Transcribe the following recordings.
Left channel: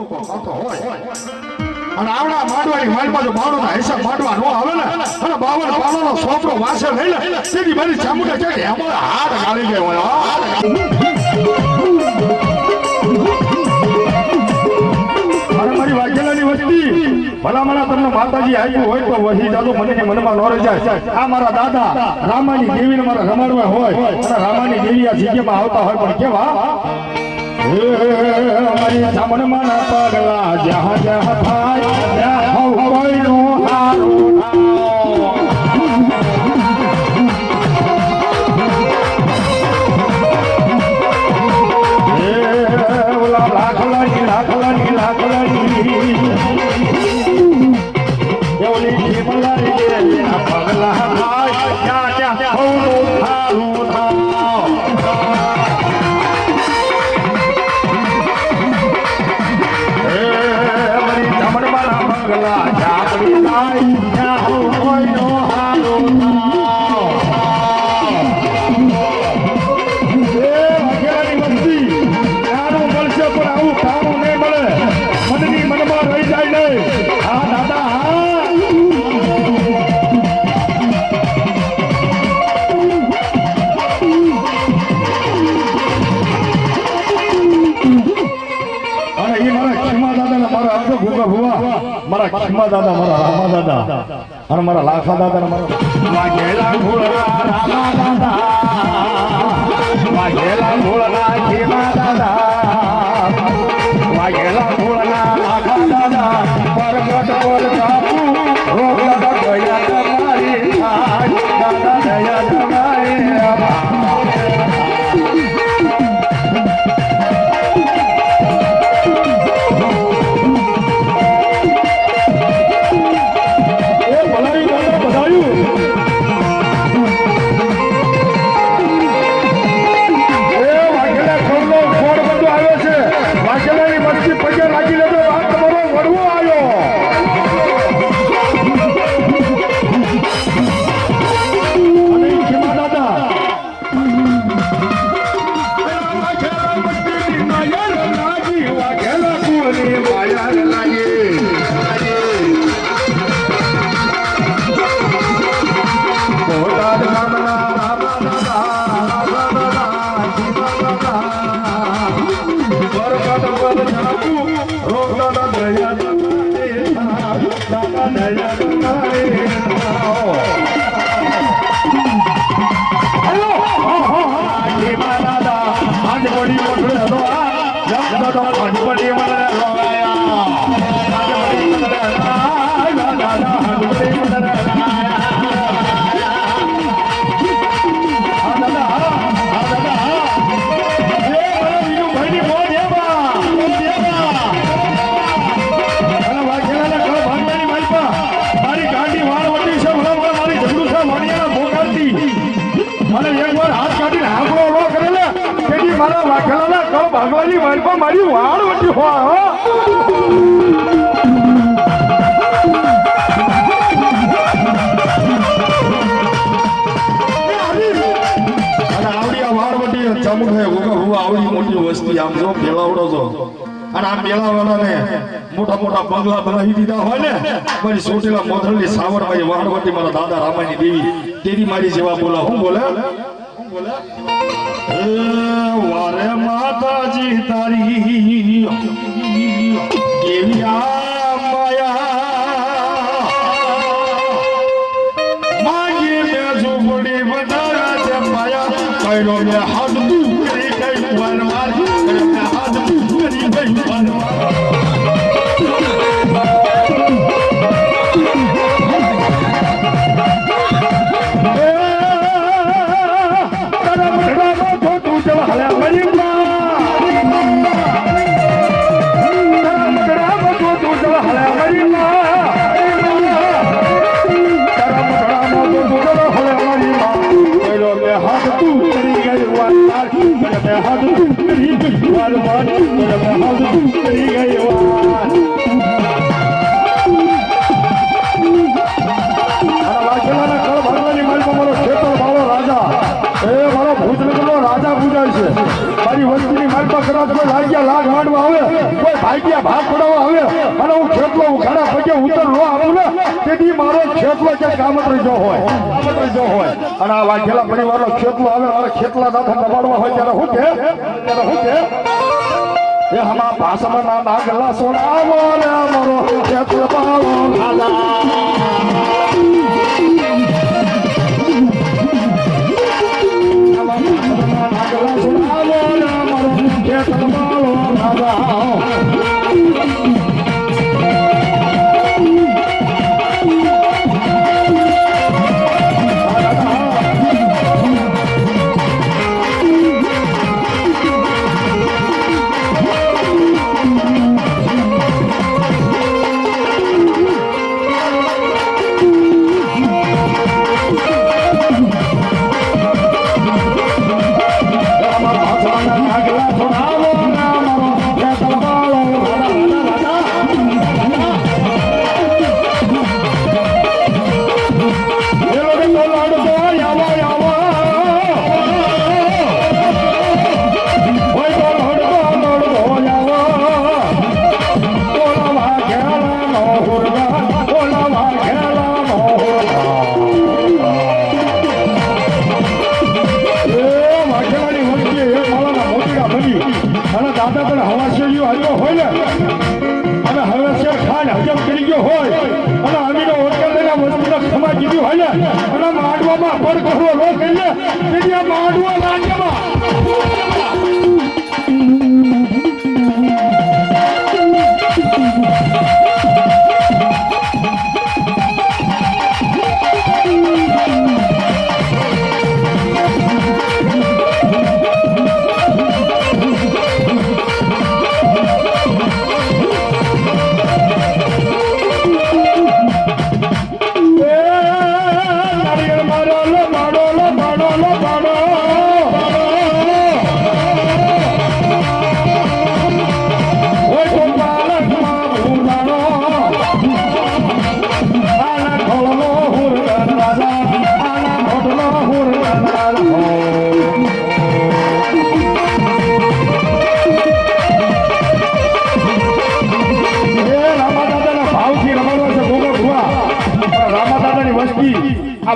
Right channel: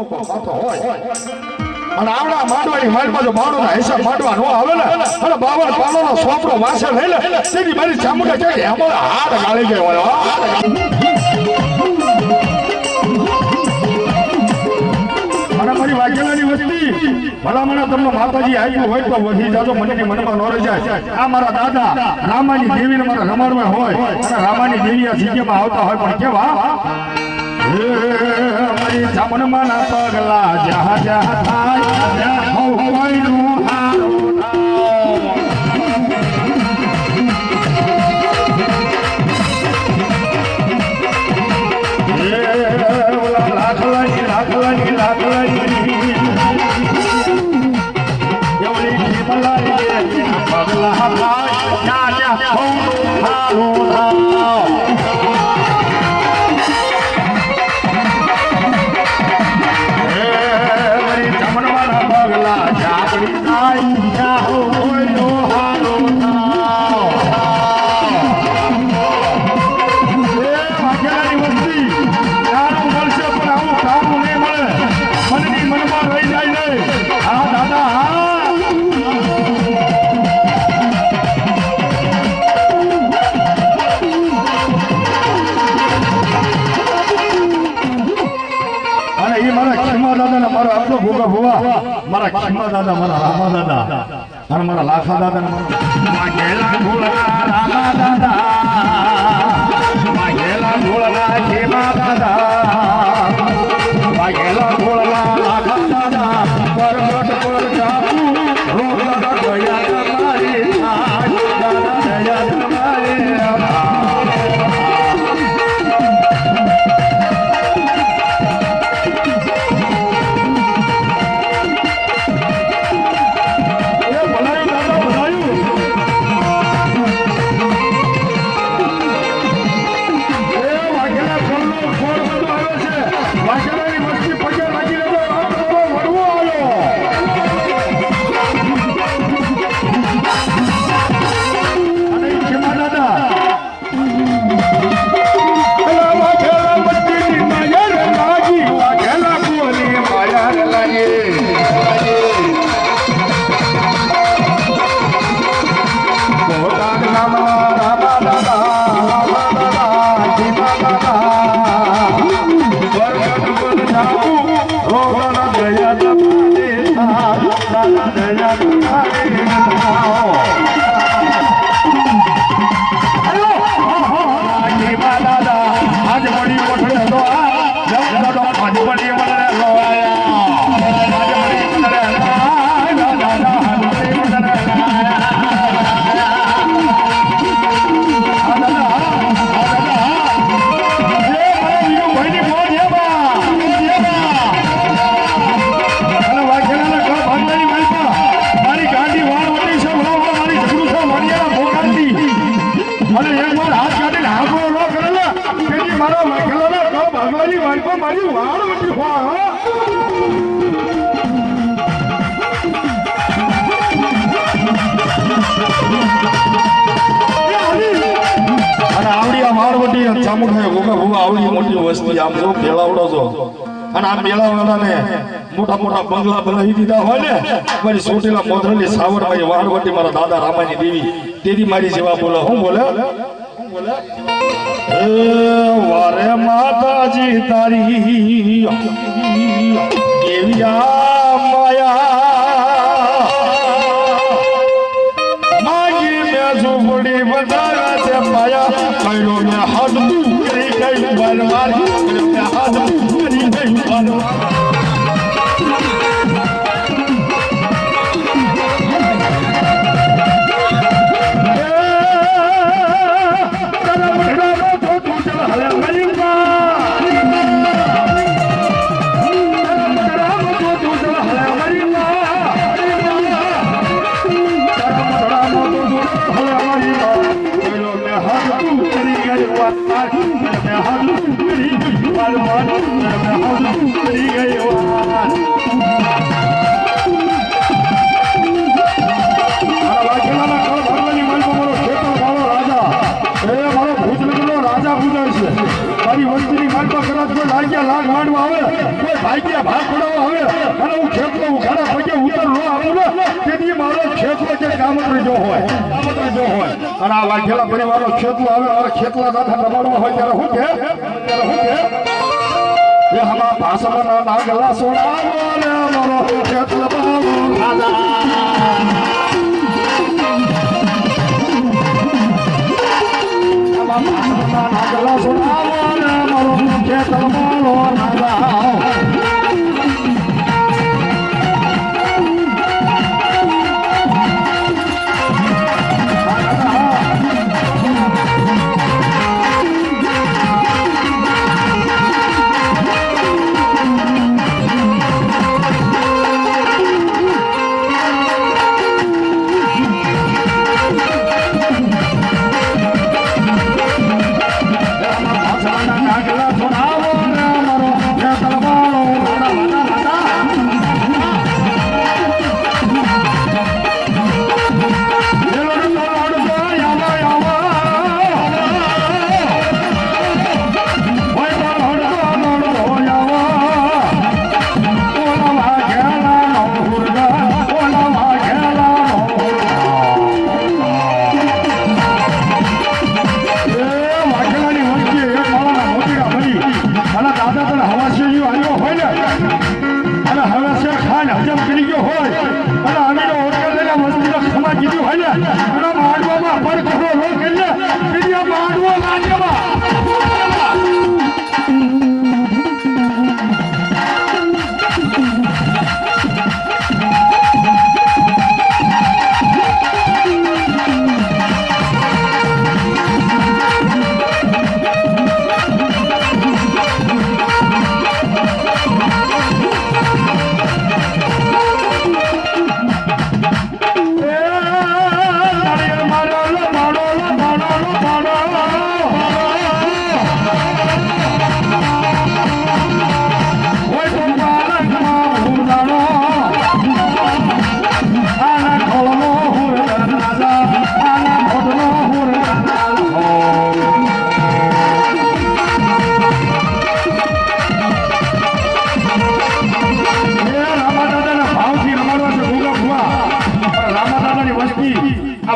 કો ખાતો હોય અને આવડા માંડવાની માલમાં જો માણોના હિસાબ માંડવા નો આવે ને અને 52 પાલોનો સોપડો વાસે લઈ લે સીધી મારી ચામુંડા કે અમારા હાથ ગાળી ગયો હોય અને મારી વાઘેલાની વસ્તી ભલામણા તમને માતાજી આવ્યું હોય તો વધી જાજો મને મનમાં ન રહી જાય આ મારા દાદા રામાની દેવીને મારા રમણમાં હોય અને રામાની દેવી આ જગ્યામાં આવતા હોય પણ કેવા અમારી જામનમાં પગલા જ્યાં જ્યાં થાય ત્યાં કોઈનું હારું મારા ખીમા દાદા મારા રામા દાદા અને મારા લાખા દાદા ને મારા વાઘેલા ઘોડા રામા દાદા વાઘેલા ઘોડા ખીમા દાદા વાઘેલા ઘોડા લાખા દાદા પરગટ પર જાપુ રોગડા કોયા તમારી દાદા દયા તમારી મારી વાળ વટી હોય આવડી મોટી વસ્તી આમ જો પેલાવડો છો અને આ પેલાવડાને મોટા મોટા બંગલા બનાવી દીધા હોય ને મારી સોટીલા મોધરેલી સાવરભાઈ વાળવટી મારા દાદા રામાની દેવી તેરી મારી જેવા બોલે હું બોલે વારે માતાજી તારી કેવી આ માયા માગી મે ઝૂંપડી વધારે છે માયા કઈરો મે હાથ કરી ગઈ વનવાર કઈરો મે હાથ કરી ગઈ વનવાર ગામમાં કદાચ કોઈ લાગ્યા લાગ માંડવા આવે કોઈ ભાગ્યા ભાગ પડાવવા આવે અને હું ખેતલો ઉખાડા પગે ઉતર ન આપું ને તેથી મારો ખેતલો કે કામતરી જો હોય અને આ વાઘેલા પરિવારનો ખેતલો આવે હવે ખેતલા દાદા દબાડવા હોય ત્યારે હું કે એ હમા ભાષામાં નાગલા સોનાવો ને મારો ખેતલો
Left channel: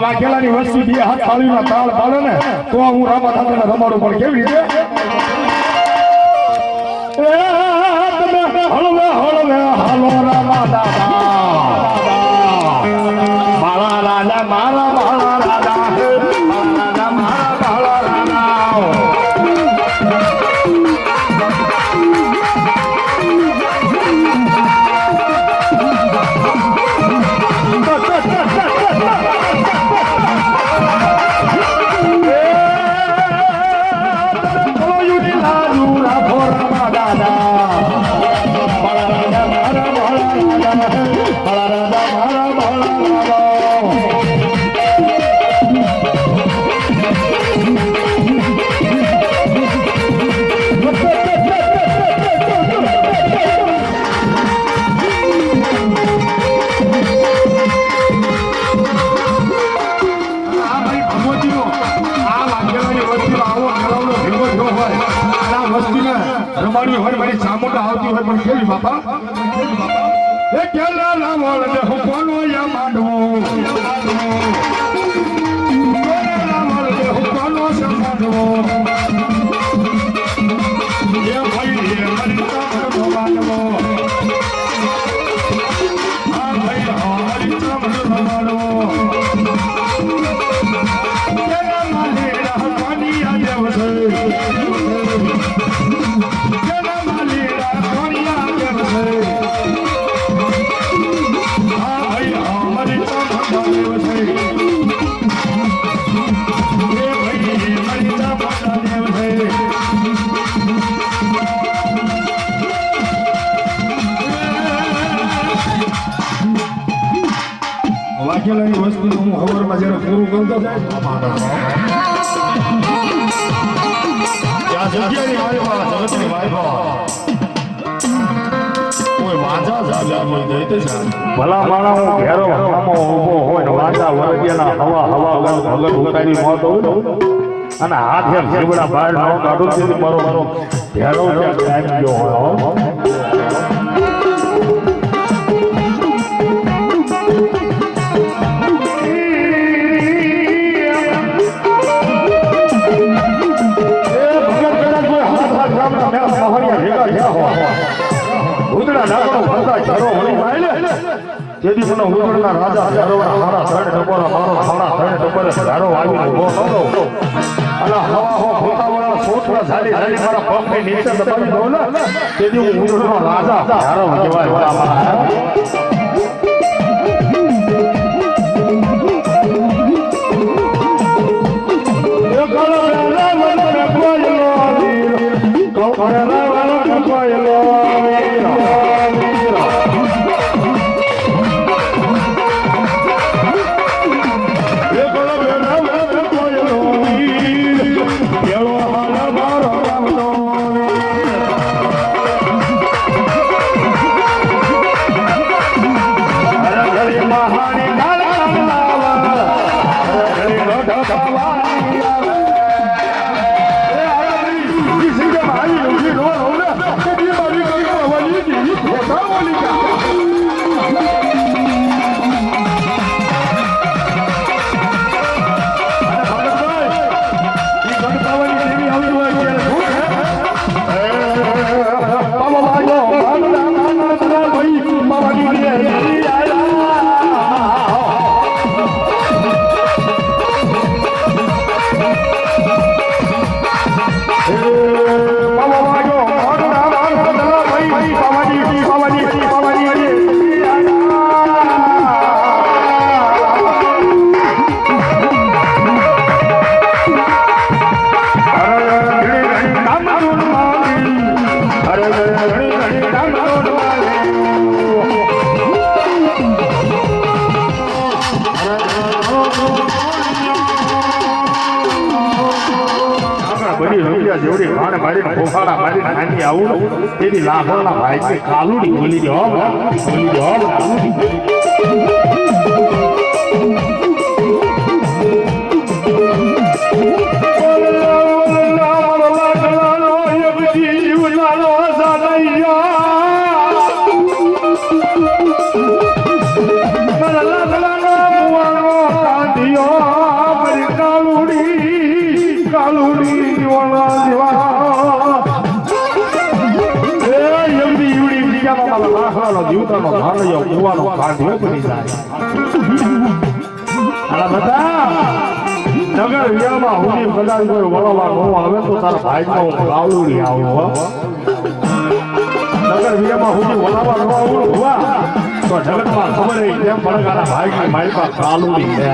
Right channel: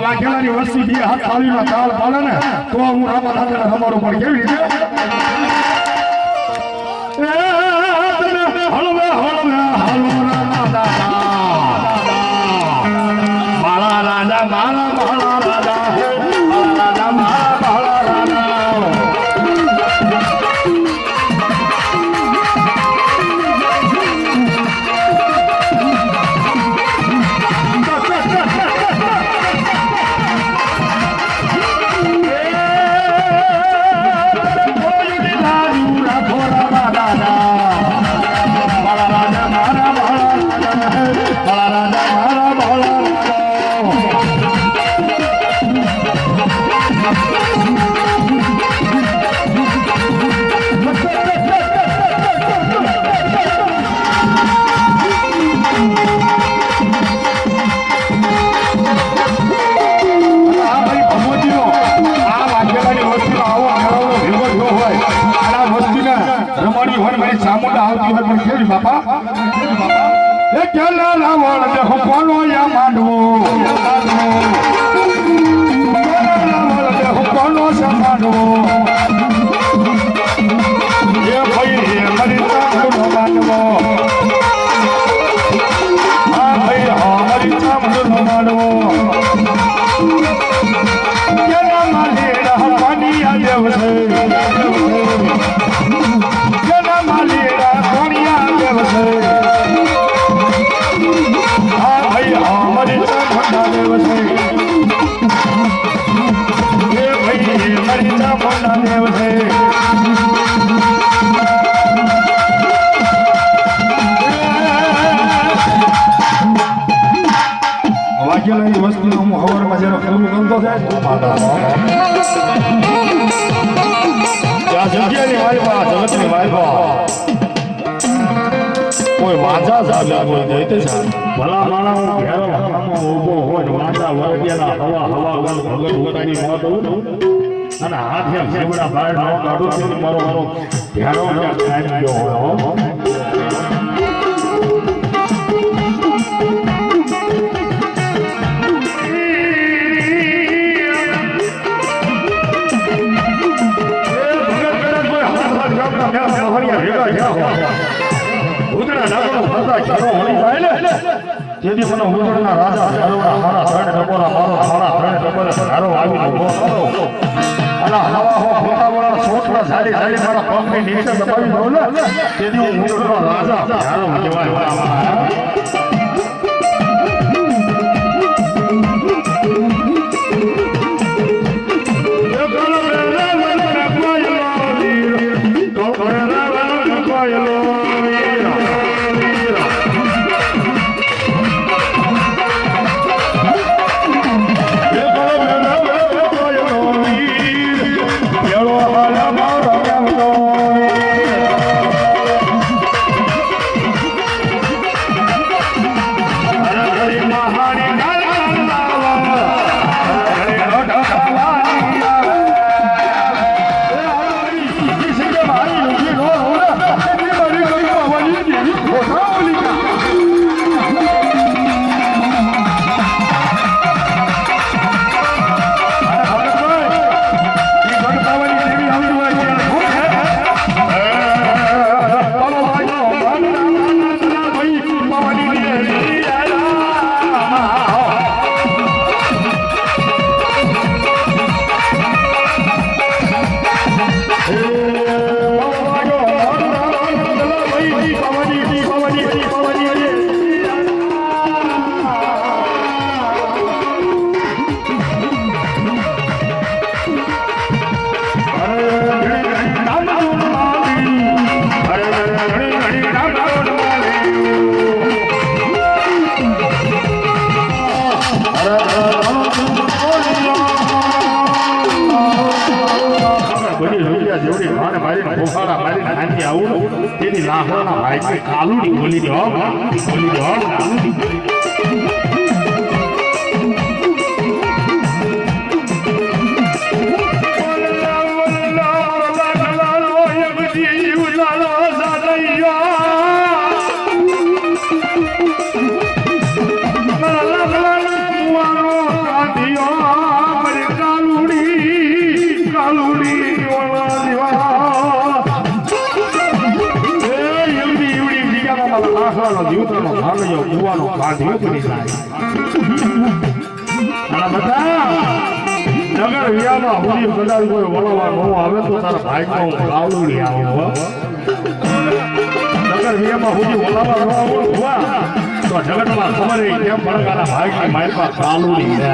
વાઘેલાની વસ્તી બે હાથ તાળીના તાળ પાડે ને તો હું રામા દાદાને રમાડું પણ કેવી રીતે તમે હળવે હાલો રામા દાદા મારા રાજા મારા રાજા મારા ચામુંડા આવતી હોય પણ કેવી બાપા એ કેલા લાવણ દે હોપનો યા માંડવો લાવણ દે હોપનો યા માંડવો એ ભાઈ એ મરી ચામુંડો માંડવો હા ભાઈ હા મરી ચામુંડો માંડવો કેલા માલેડા પાણી આ દેવસે વાઘેલાની વસ્તુનું હું હવારમાં જયારે પૂરું કરતો થાય ત્યાં જગ્યાની વાયફા જગતની વાયફા કોઈ વાંચા સાજા કોઈ દઈતે છે ભલા માણસ ઘેરો ગામમાં ઊભો હોય ને વાંચા વરગ્યાના હવા હવા ભગત ઉતારી મોત હોય અને હાથે જીવડા બહાર નો કાઢું છું મારો મારો ધ્યાનો ત્યાં કામ ગયો હોય જેથી મને ઉદળના રાજા હરોડા મારા ત્રણ ટપોરા મારો સાડા ત્રણ ટપોરે ધારો આવી ઉભો થતો અલા હવા હો ફોટાવાળા સોટલા સાડી સાડી મારા પગની નીચે દબાવી દો ને તેથી હું ઉદળનો રાજા ધારો કહેવાય તેની લાખોના ભાઈ કાલુડી બોલી દો જીવતાનો ભાલો કુવાનો કાઢ્યો પડી જાય આ બધા નગર વિયામાં હુજી કદાચ કોઈ વળવા નો આવે તો તારા ભાઈમાં હું કાવલુડી આવું નગર વિયામાં હુજી વળવા નો આવું હુવા તો જગતમાં ખબર એ કેમ ભણકાના ભાઈ મારી પાસે કાવલુડી છે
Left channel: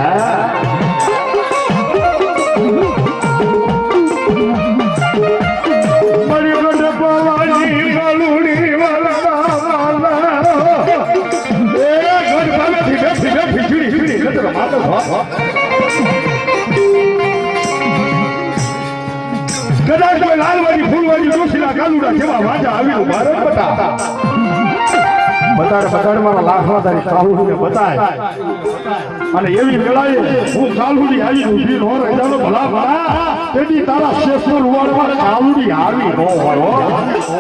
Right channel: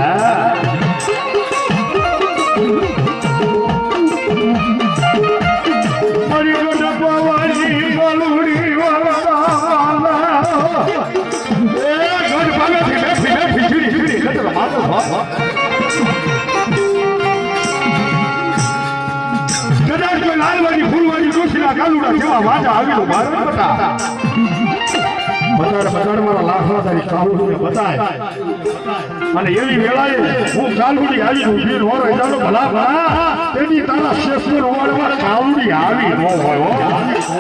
કદાચ કોઈ લાલવાડી ફૂલવાડી દોશીલા કાલુડા જેવા વાજા આવી ભારત બતાડ મારા લાખો તારી કાલુડીને બતાય અને એવી વેળાએ હું કાલુડી આવી ઊભી નો રહી જાનો ભલા ભલા તેની તારા શેફુર વાળવા કાલુડી આવી નો હોય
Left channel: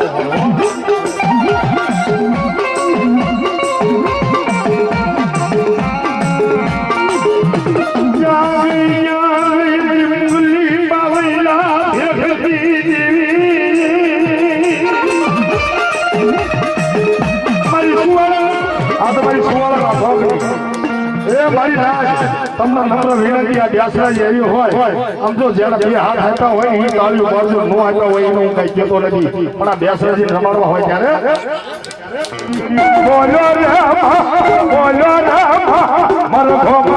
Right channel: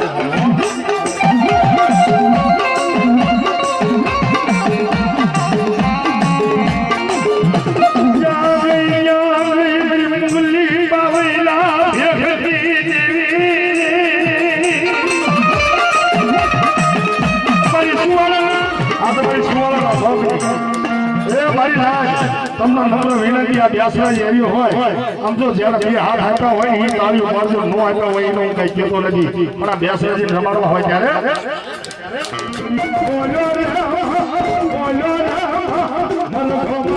તમને નમ્ર વિનંતી આ વ્યાસના જેવી હોય આમ તો જ્યારે બે હાથ આપ્યા હોય એ તાળીઓ મારજો નો આપ્યા હોય એનો હું કઈ કહેતો નથી પણ આ વ્યાસરાજી રમાડવા હોય ત્યારે બોલો મર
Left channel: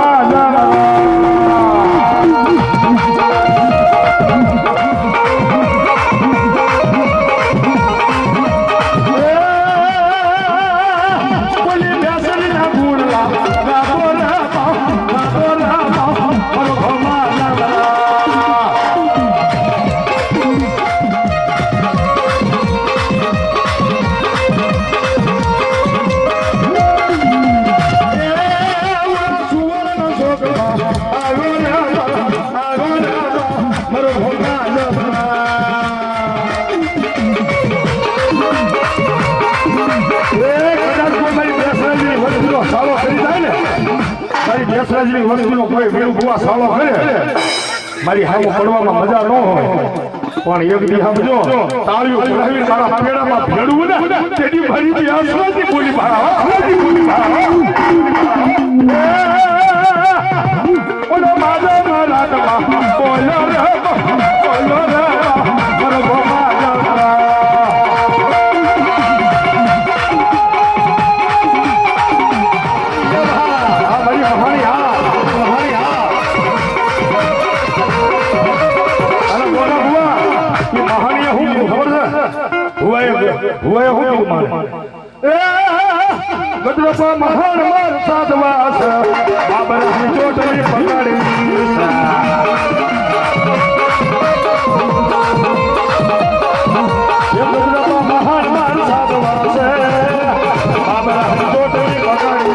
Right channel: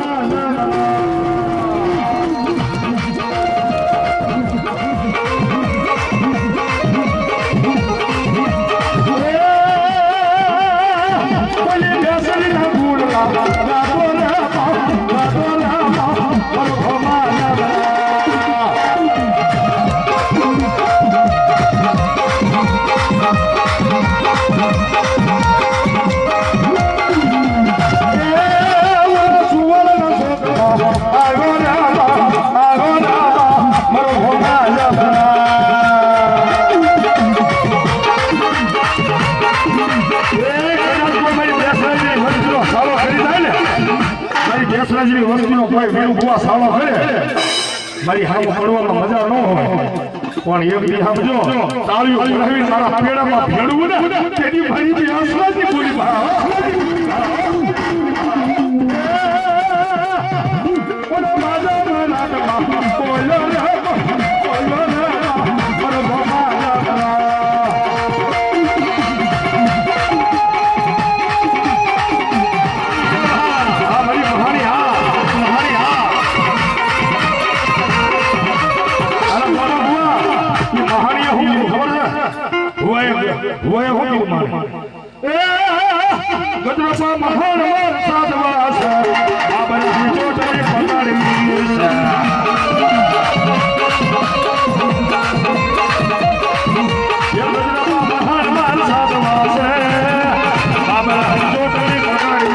વીણું બુવા સાળો કરે મારી હાવ પડવામાં મજા ન હોય પણ એક દી સમજો તાળીઓ પડાવી મારા પેડામાં ભેડવું ને તેની મારી આસવાથી બોલી આસવાથી બોલી ઓલો માજા મારા બોલો રે हुआ हो तो मारे गजरपा महान मार साधवास बाबर की चोटली पकड़ी ये गजरपा महान मार साधवास बाबर की चोटली पकड़ी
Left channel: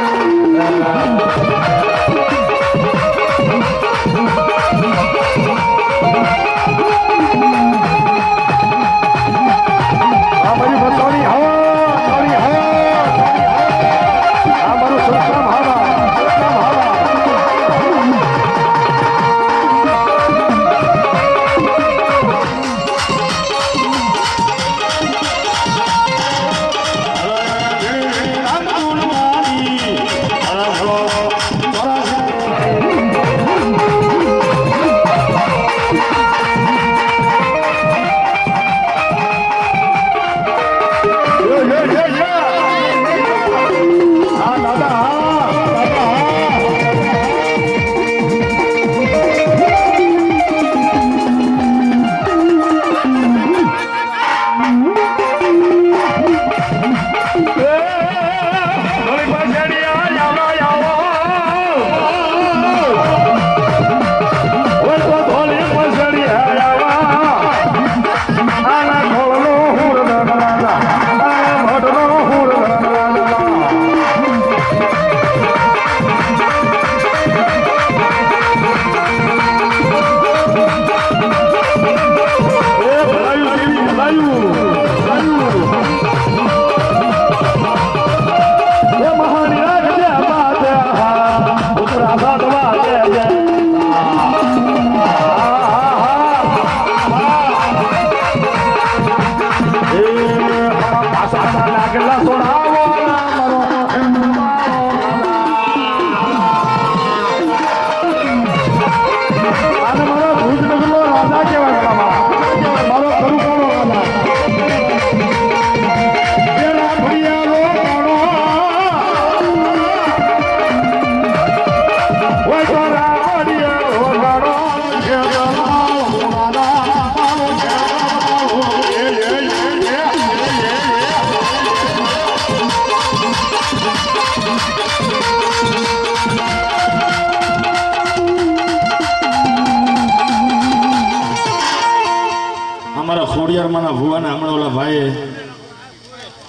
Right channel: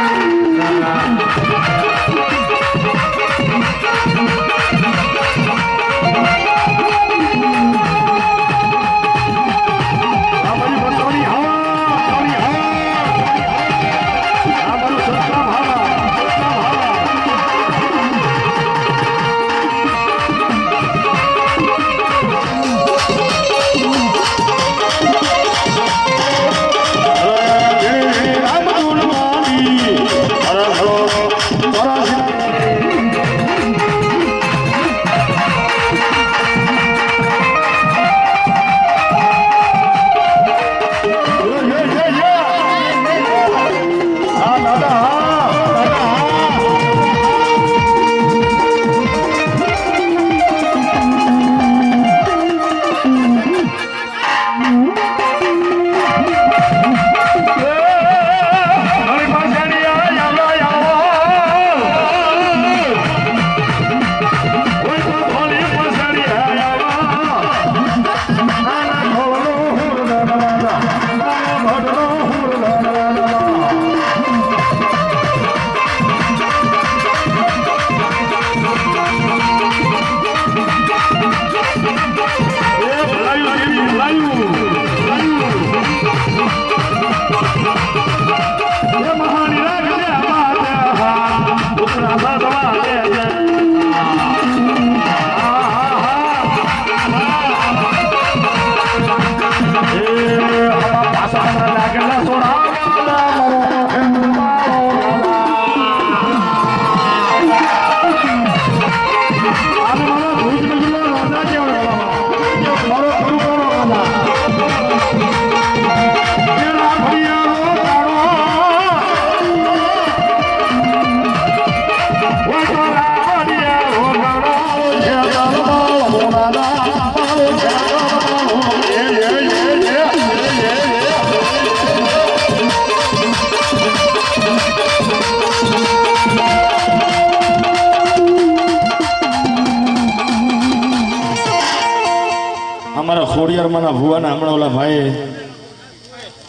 ખોડિયારમાં ભુવાના હમણાં ઓલા ભાઈ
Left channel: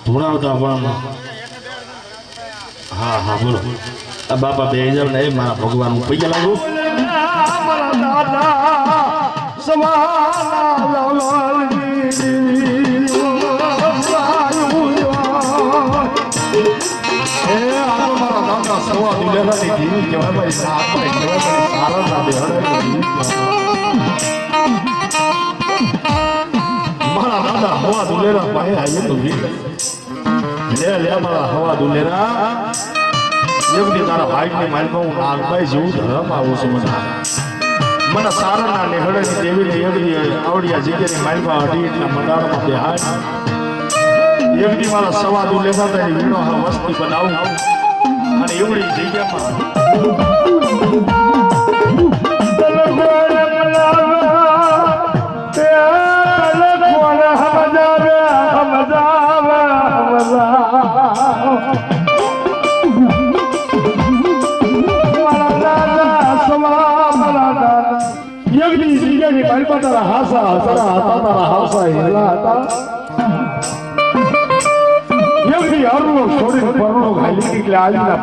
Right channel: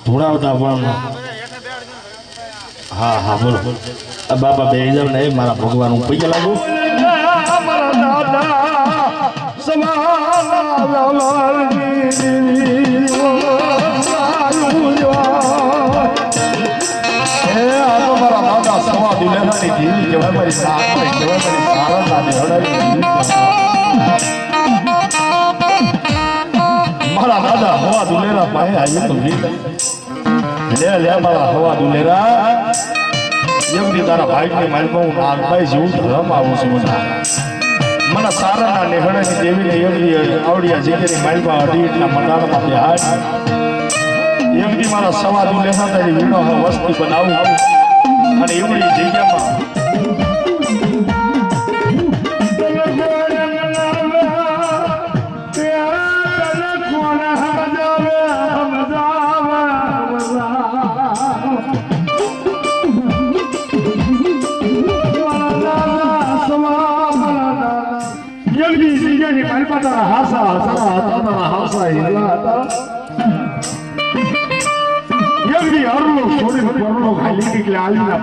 ભુણાવતા પણ હા હા બોલો બાપા બે જાવ ને મારા ભગવાન હું પૈસા લાગુ મારા દાદા સવા દુલેરાની જીવી કહેવાય મારી સારા દાદે હડાવી મારા દાદા હવા દુલેરા પાસે આવીએ તો લે લે મારા હવા દુલેરા એમની તારા ભાઈની માલમાં હું નાગભાઈ જેવું ધર્મ આવું છું મને સારાના નેહડાની દેવીને એમની આવડિયા જગ્યાની માલમાં અઢીના મદારમાં બે હાથ એમની મારા સવા દુલેરા તારી વીણો વસ્તી બનાવું અને એમની જગ્યામાં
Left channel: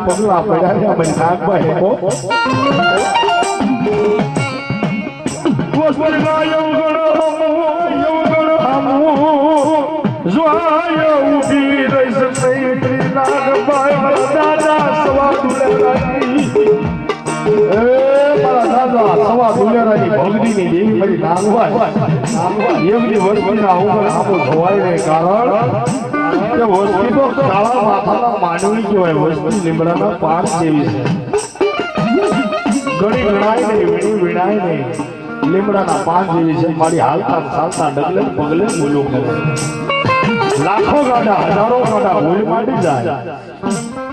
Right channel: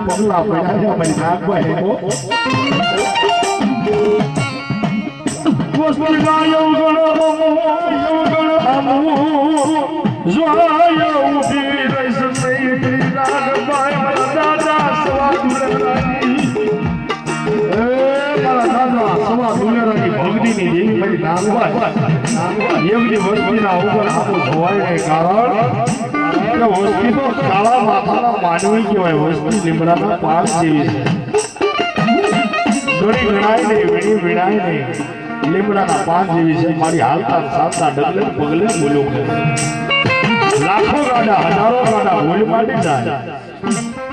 પગલા પડ્યા બની નાગભાઈ દાદા સવા નાગવા એમની વસ્તીના ઉપર આખું ધોવાય ને કારણ કે વસ્તી તો કાળા માથાના માનવી કહેવાય વસ્તી લીમડાના પાન જેવી છે ઘણી ગણાય નહીં વીણી વીણાય નહીં લીમડાના પાન જેવી છે મારી હાલતા ચાલતા ડગલે પગલે બોલો કરે લાખો ગાડા હજારો ગાડા હોલી માંડી જાય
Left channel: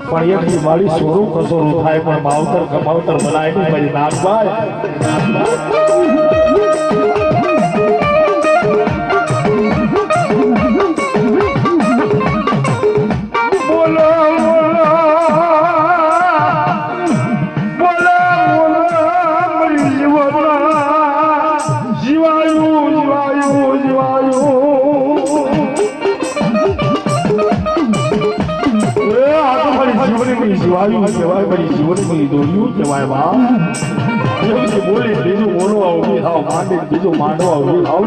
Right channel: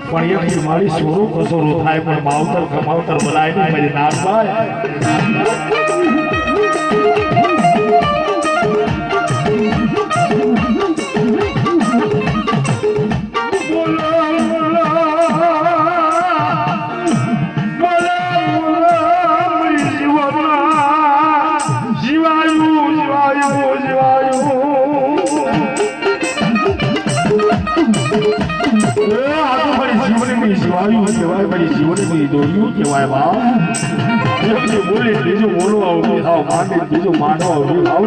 પણ એકથી મારી સોરું કસોરું થાય પણ માવતર કમાવતર બનાય નહીં મારી નાગભાઈ જીવાયું કહેવાય પછી જીવનની દોર્યું કહેવાય બા બોલી બીજું બોલવા ઉભી થાવ માંડી બીજું માંડવા ઉભી થાવ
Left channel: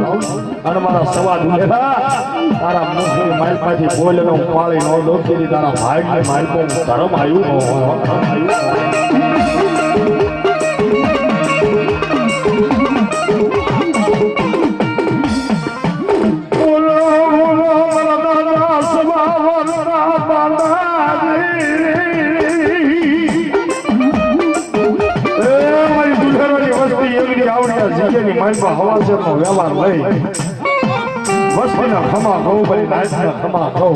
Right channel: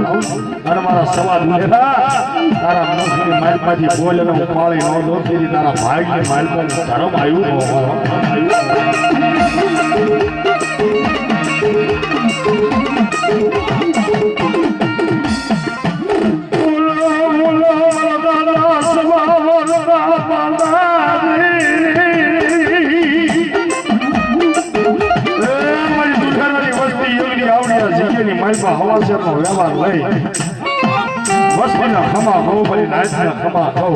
અને મારા સવાદ લેવા તારા મુખની માલમાંથી બોલ હું પાળી ન દો તેથી તારા ભાઈની માલમાં ધર્મ આવ્યું હવાસેનો વ્યવહાર લઈ વસ્તીના ખમા કહું ભાઈ નાચના ખમા કહું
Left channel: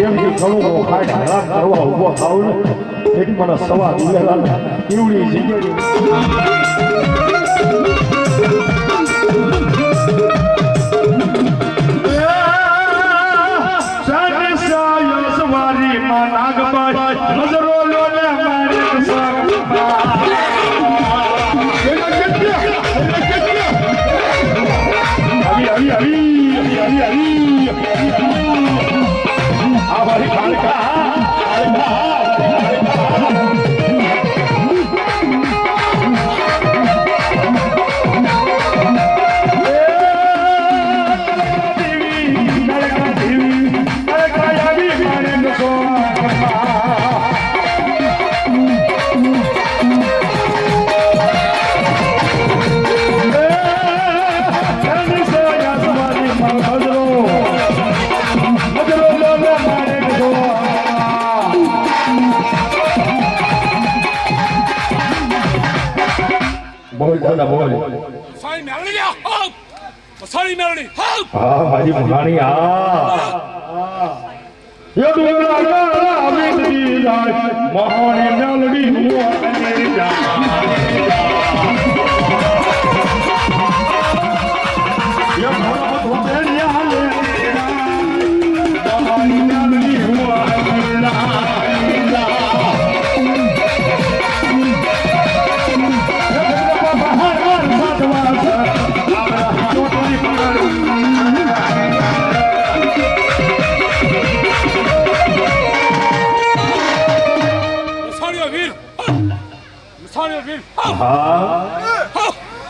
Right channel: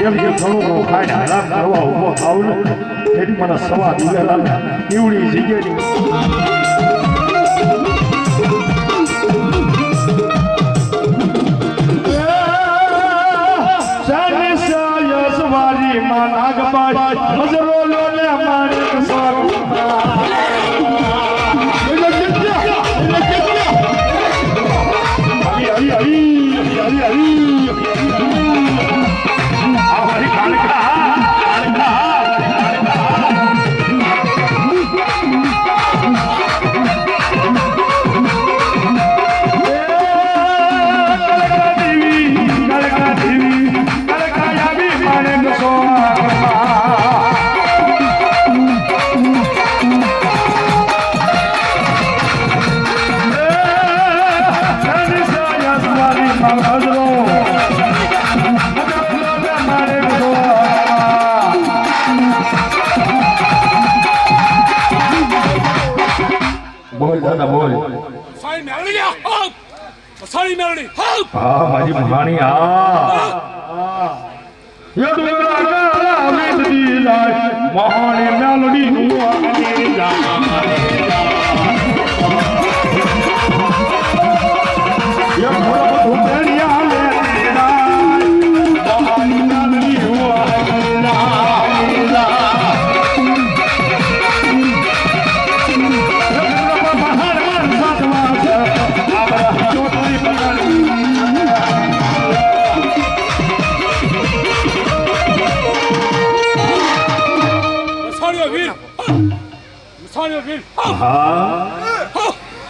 એમ કે ખડું ખાઈને હેરાન કરવા ઉભો થાવ ને એની મને સવા દિવેલા એવડી જગ્યાની Sorry, Melody. Help! Bhaji Bhani,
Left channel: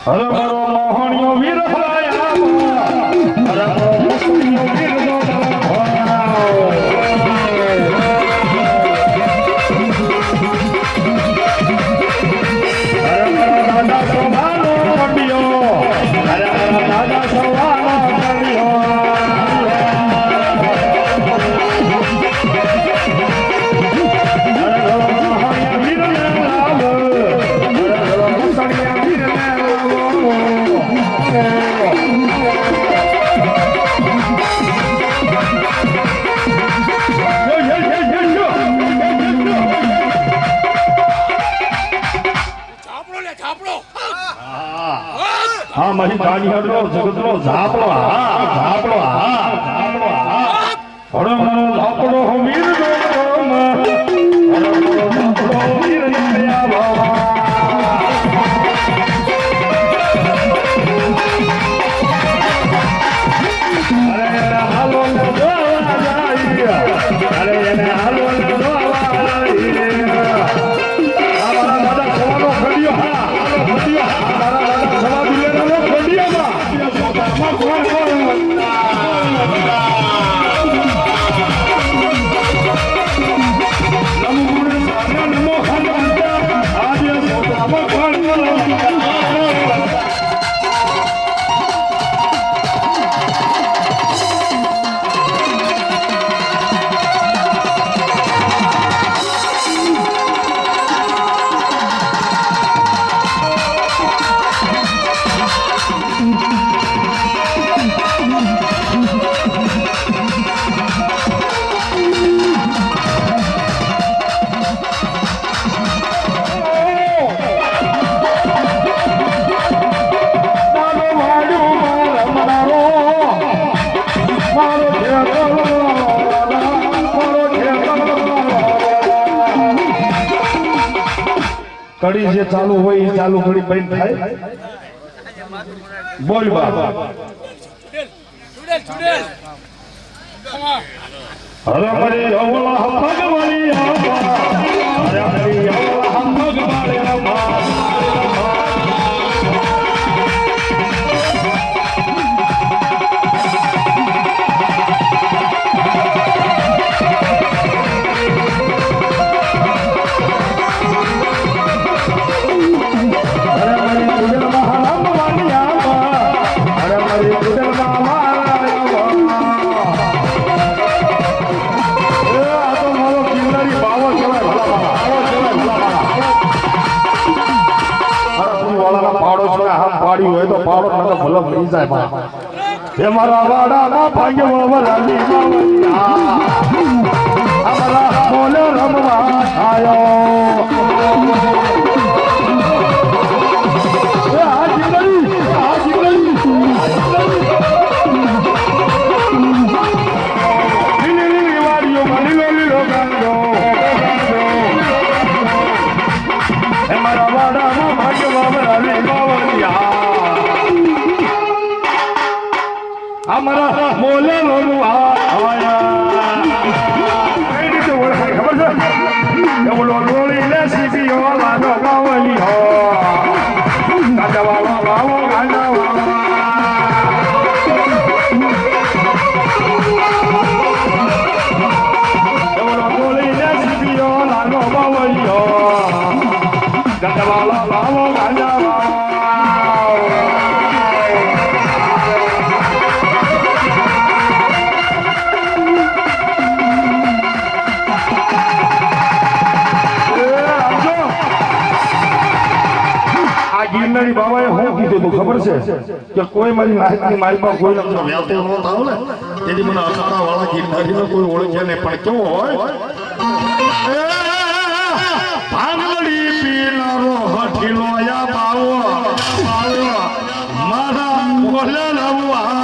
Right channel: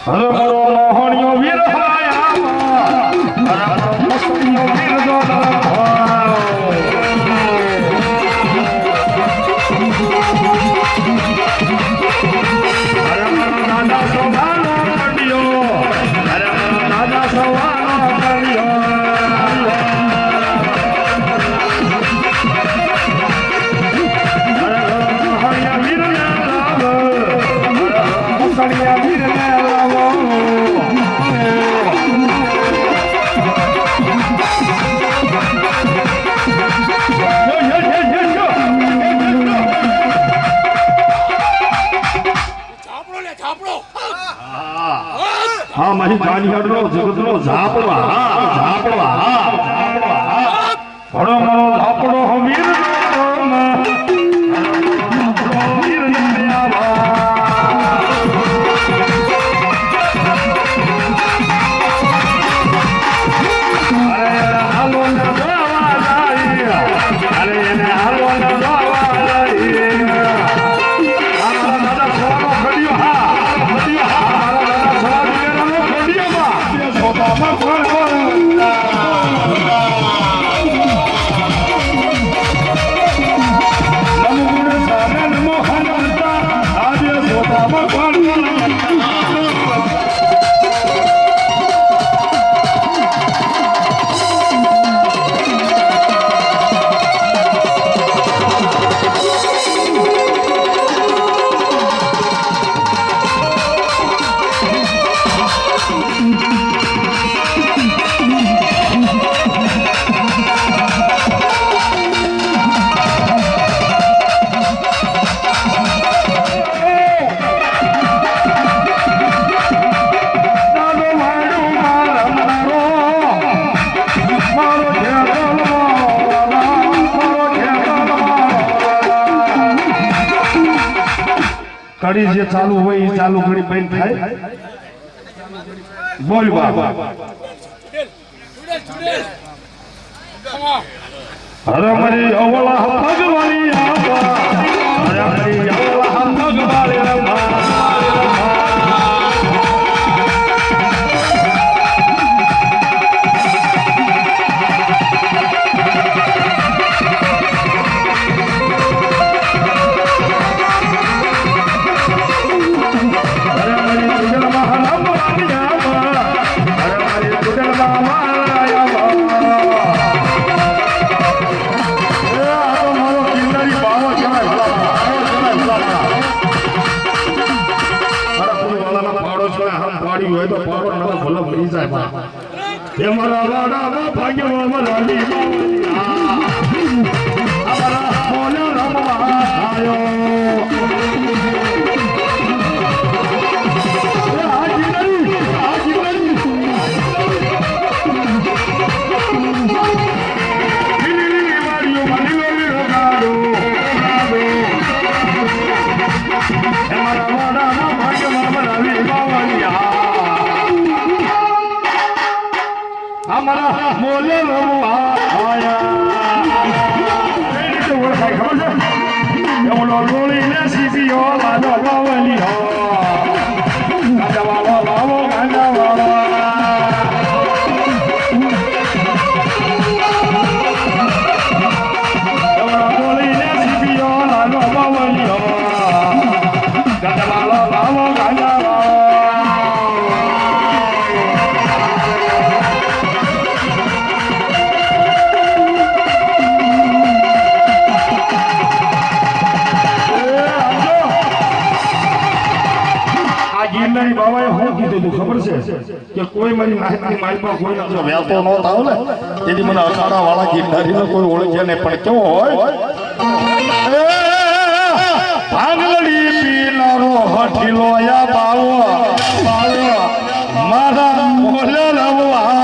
Hello, Mohanio Vir હા મારી જાનિયાડનો જગતનો ઝાપડો ઝાપડો ઘણો ઝાપડો વીર કડી જે ચાલુ હોય એ ચાલુ ઘડી બંધ થાય બોલ બાબા હરે મરી અવલા ભગવાની આવા હરે મરી અવલા ભગવાની આવા હોય તો પાવડો નતો ભલો મરી જાય બા એ મારા વાડામાં ભાગ્યમાં વલાલી અમારા બોલો રમવા આયો અમારા મોલે રમવા આયા એ રીતે ઓળખાય ખબર છે એમનો લોળી ને સીપીઓ વાદો ગાવલી હો ગાંડા વાવા વાવો ગાંડા વાવા એમનો લોળી ને સીપીઓ વાદો ગાવલી હો ગાંડા વાવા વાવો ગાંડા વાવા ગિરનારી બાબાએ શું કીધું તું ખબર છે કે કોઈ મારી નાતની માલમાં કોઈ નજર વ્યાતો ન થાવ ને તેથી મને અખાડા વાળા ગિરનારીને કોઈ ઓળખે નહીં પણ કેવો હોય ભાંગલી પીનારો હઠીલો યા બાવો મારા મોલે રમવા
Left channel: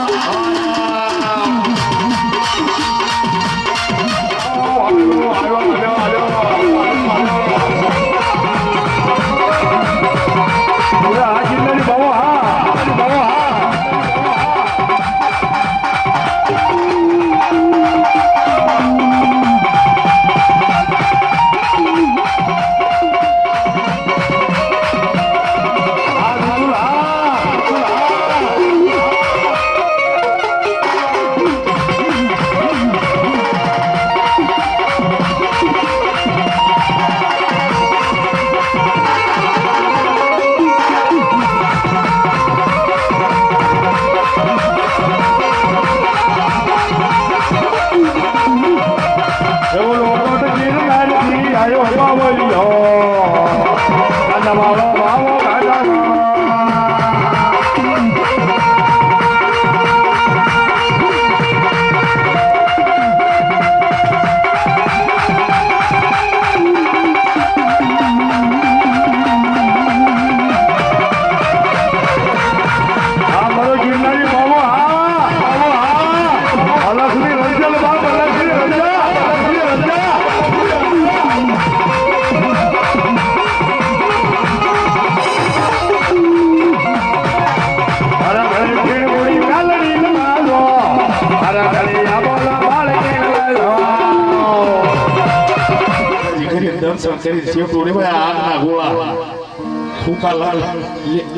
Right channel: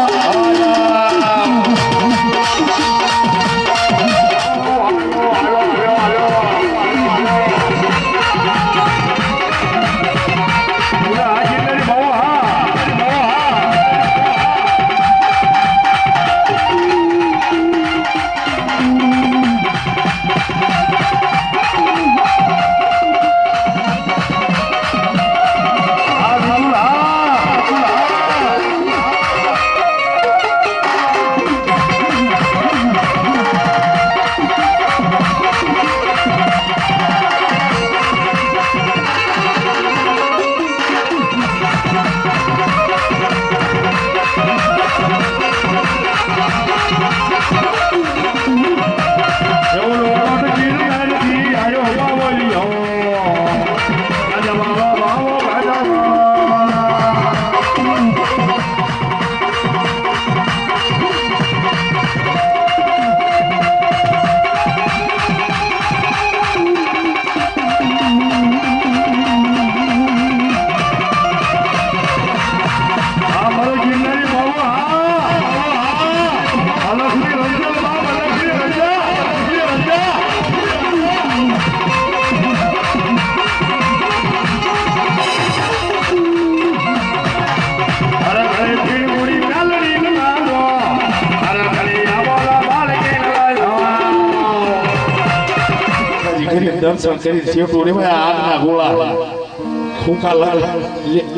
દર્શન કરી શેઠું આગના ગોળા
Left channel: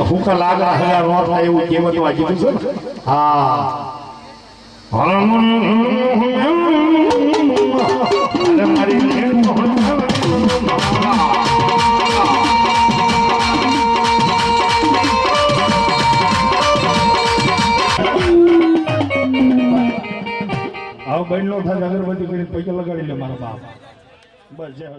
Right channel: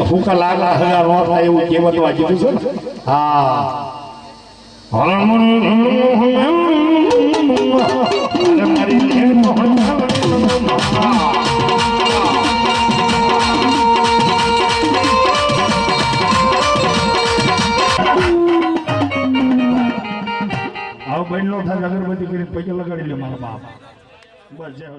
હુકા લાગા હગા નો થાય એવું કહેવતમાં કીધું છે ને હા આવું બહેન નો થાય અગરબત્તી કરીને પૈસા લગાડી લે મારા બાપ બસ જય હો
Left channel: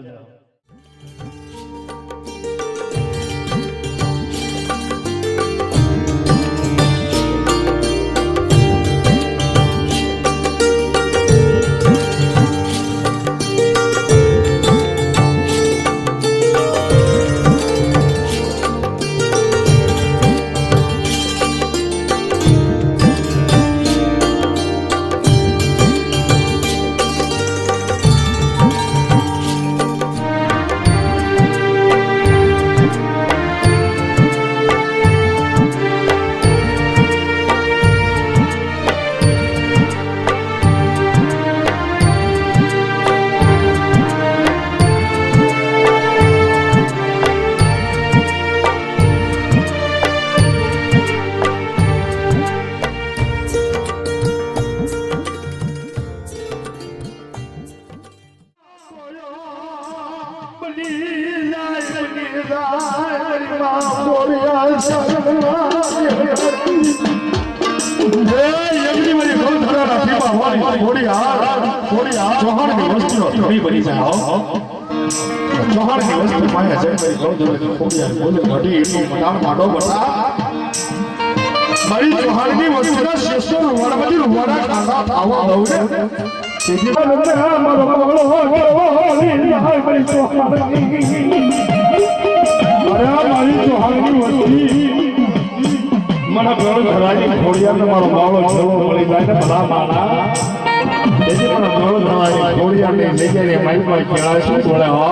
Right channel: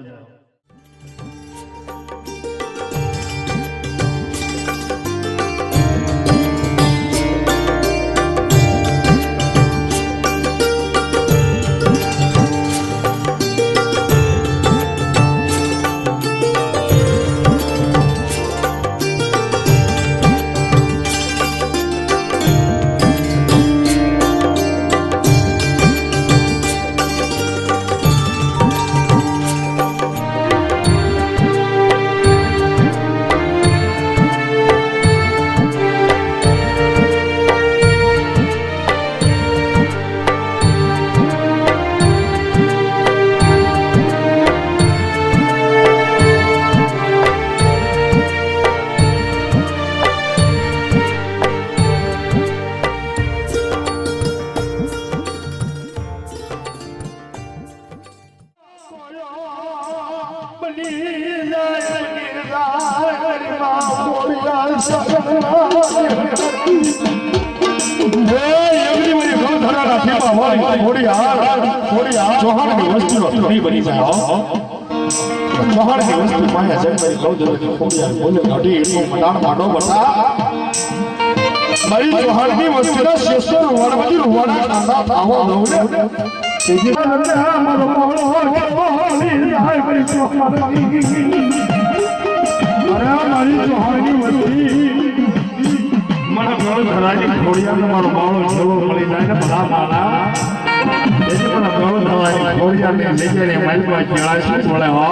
ચૌહાણની વસ્તીનો ધણી બની જાય હો ચૌહાણની વસ્તી માયા જન્મ લઉં જો કોડિયાર બોલે ઘડી એટલું મદાન માંડો બટા મારી ચૌહાણની વસ્તીના શેષો વણવજી રૂવાડા કાંડા થાવો દઉં ને સીધી મારો માવળો હોલી જાય મારી ચૌહાણની અરે મારી ચૌહાણની વસ્તી મને ગોળ ધરાની ખોડિયાનો મારો માવળો છેલો મળી જાય ને ભલા માના તેથી મને ગોળ ધરાની ખોડિયાને લઈ જઈને માલમાં કેળાશી બોલે હો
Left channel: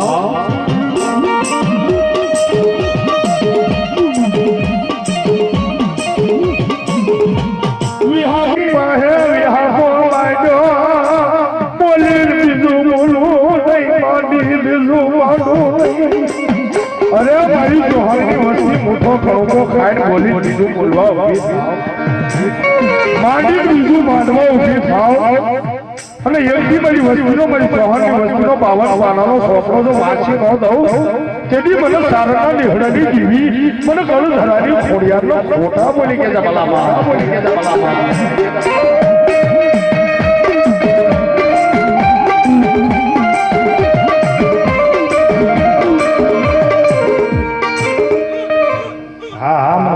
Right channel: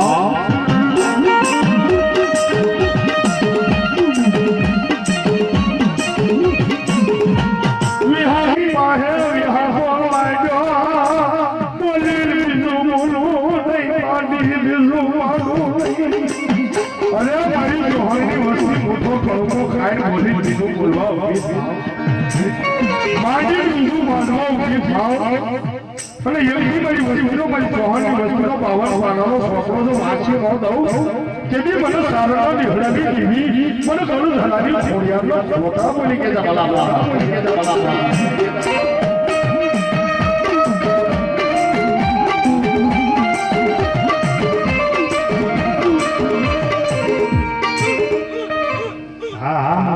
વિહારી પાહે વિહારો લાજો બોલી બીજું બોલું નહીં પાડી બીજું પાડું નહીં અરે મારી ચૌહાણની વસ્તી મોટો કળકો ખાઈને બોલી બીજું બોલવા ઉભી માંડી બીજું માંડવા ઉભી થાવ અને એવી મારી વસ્તુનો મારી ચૌહાણની વસ્તુનો 52 પાનાનો સોપડો જો વાંચી ન દઉં તેથી મને સારણા નીહડાની જીવી મને ગળું ધરાની ખોડિયારનો ખોટા બોલી કે જબલા બોલી કે જબલા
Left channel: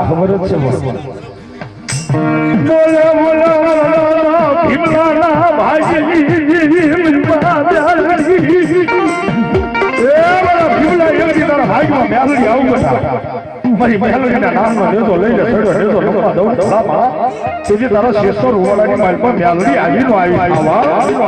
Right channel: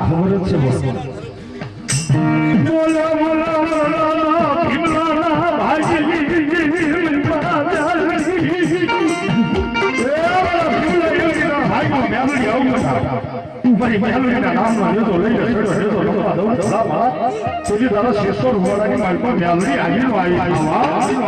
ખબર જ છે બોલે બોલે ભીમલાના ભાઈ ભીમલા ભાઈમાં મેલડી આવું હતા મારી મેલડીના નામનો રેજો લઈ લે રેજો લખવા દઉં થોડામાં તેથી તારા શેષો રૂવાડાની માલમાં મેલડી આવીનો આવી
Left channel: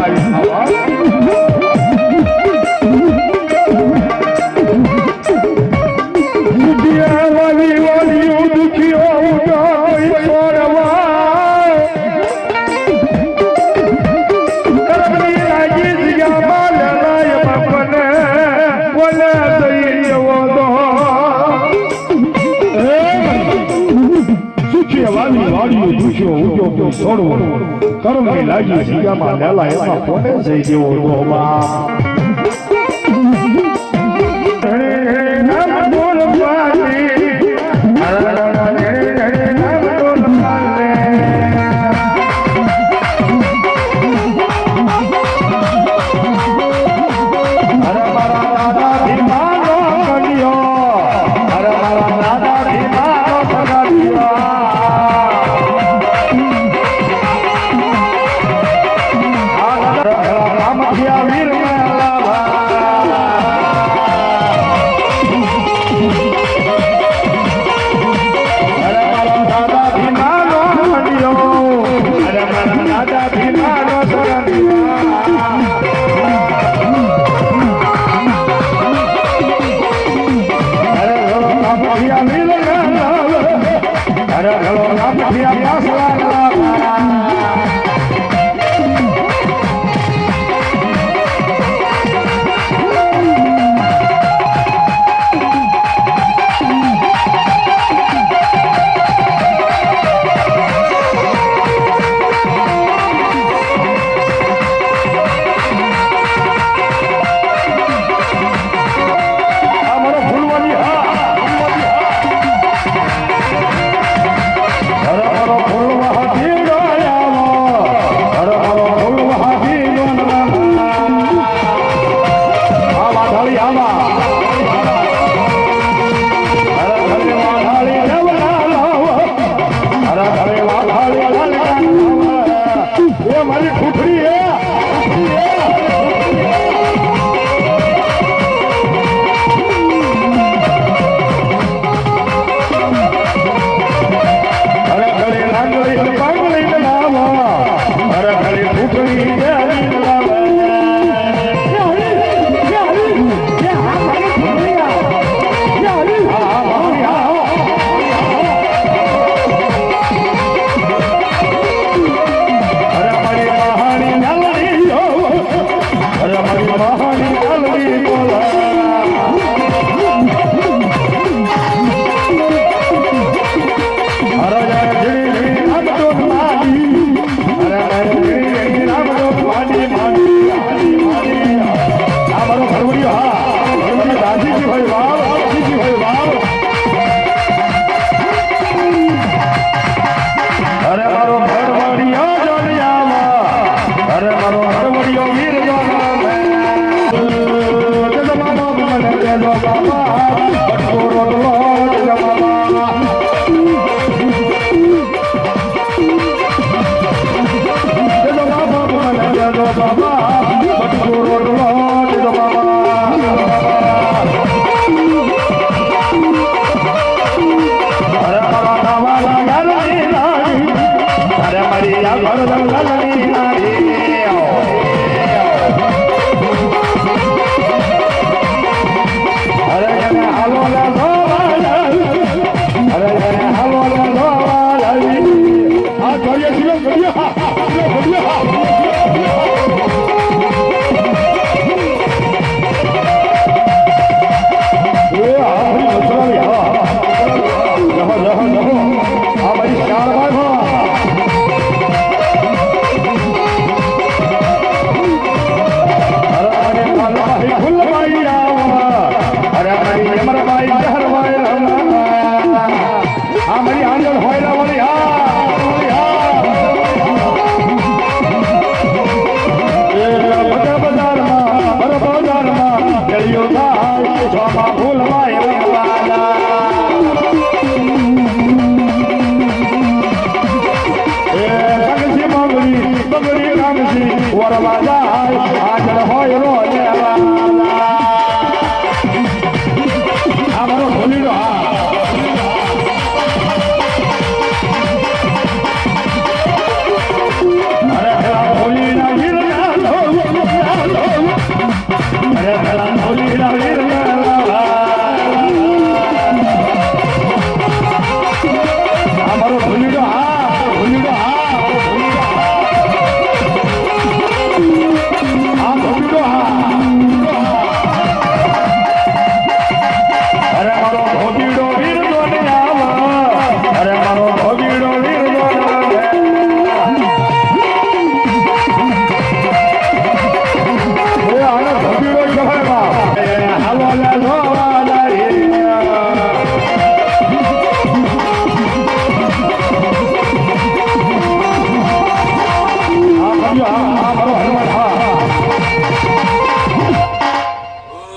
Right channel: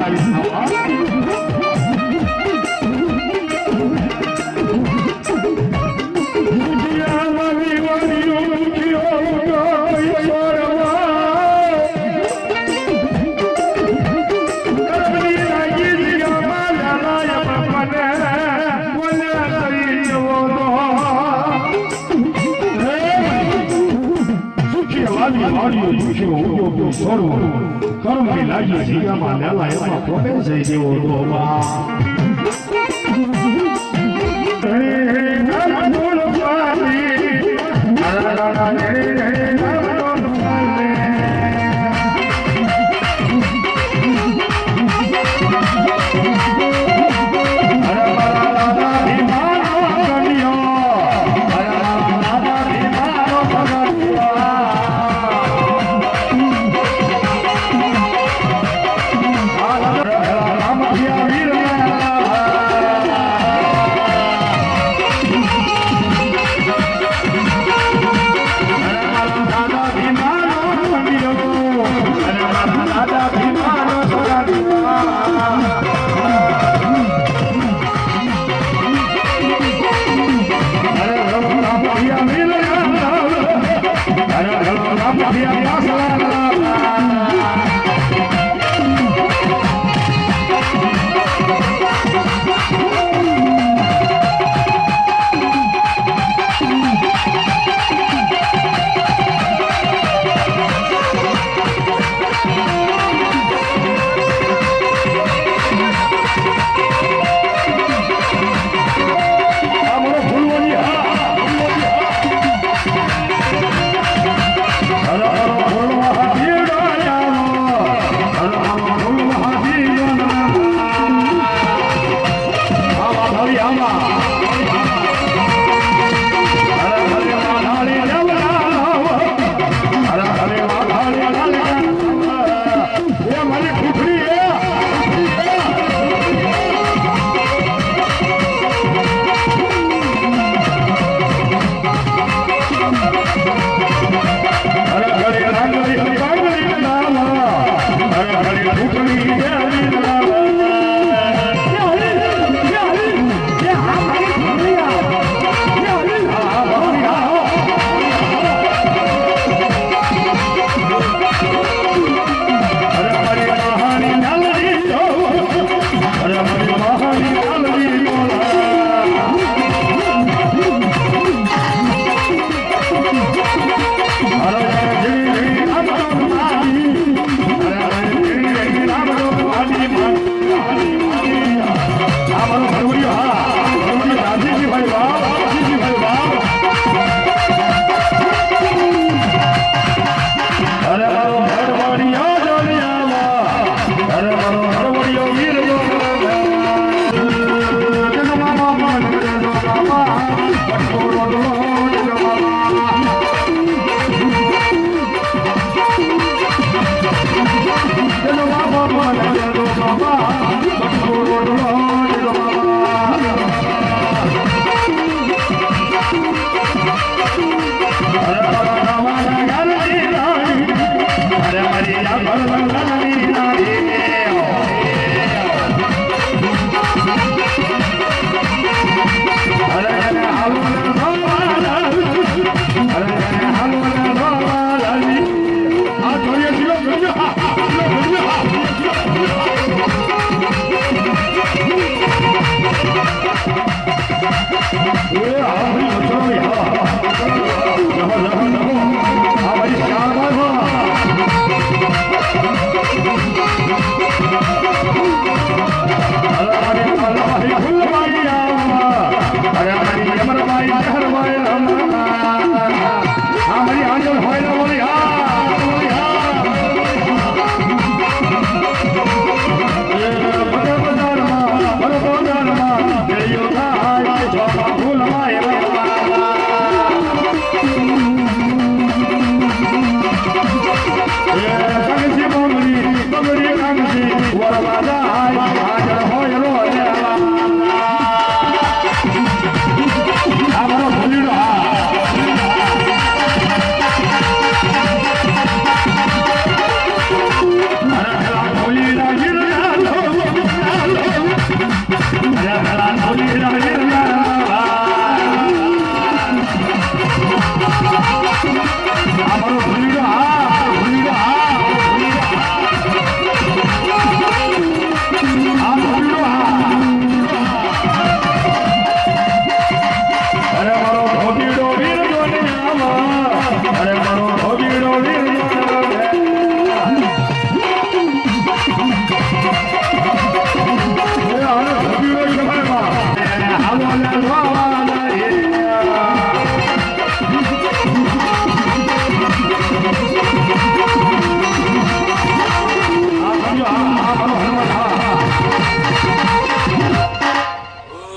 કર્મની લાગી જીગામાં લેલા એમાં કોને જઈ જેવો તો આ મારી આંગણ હોય ને બોલી હા બોલી હા બજારમાં ગળિયો થાય જોમાં ફૂલમાં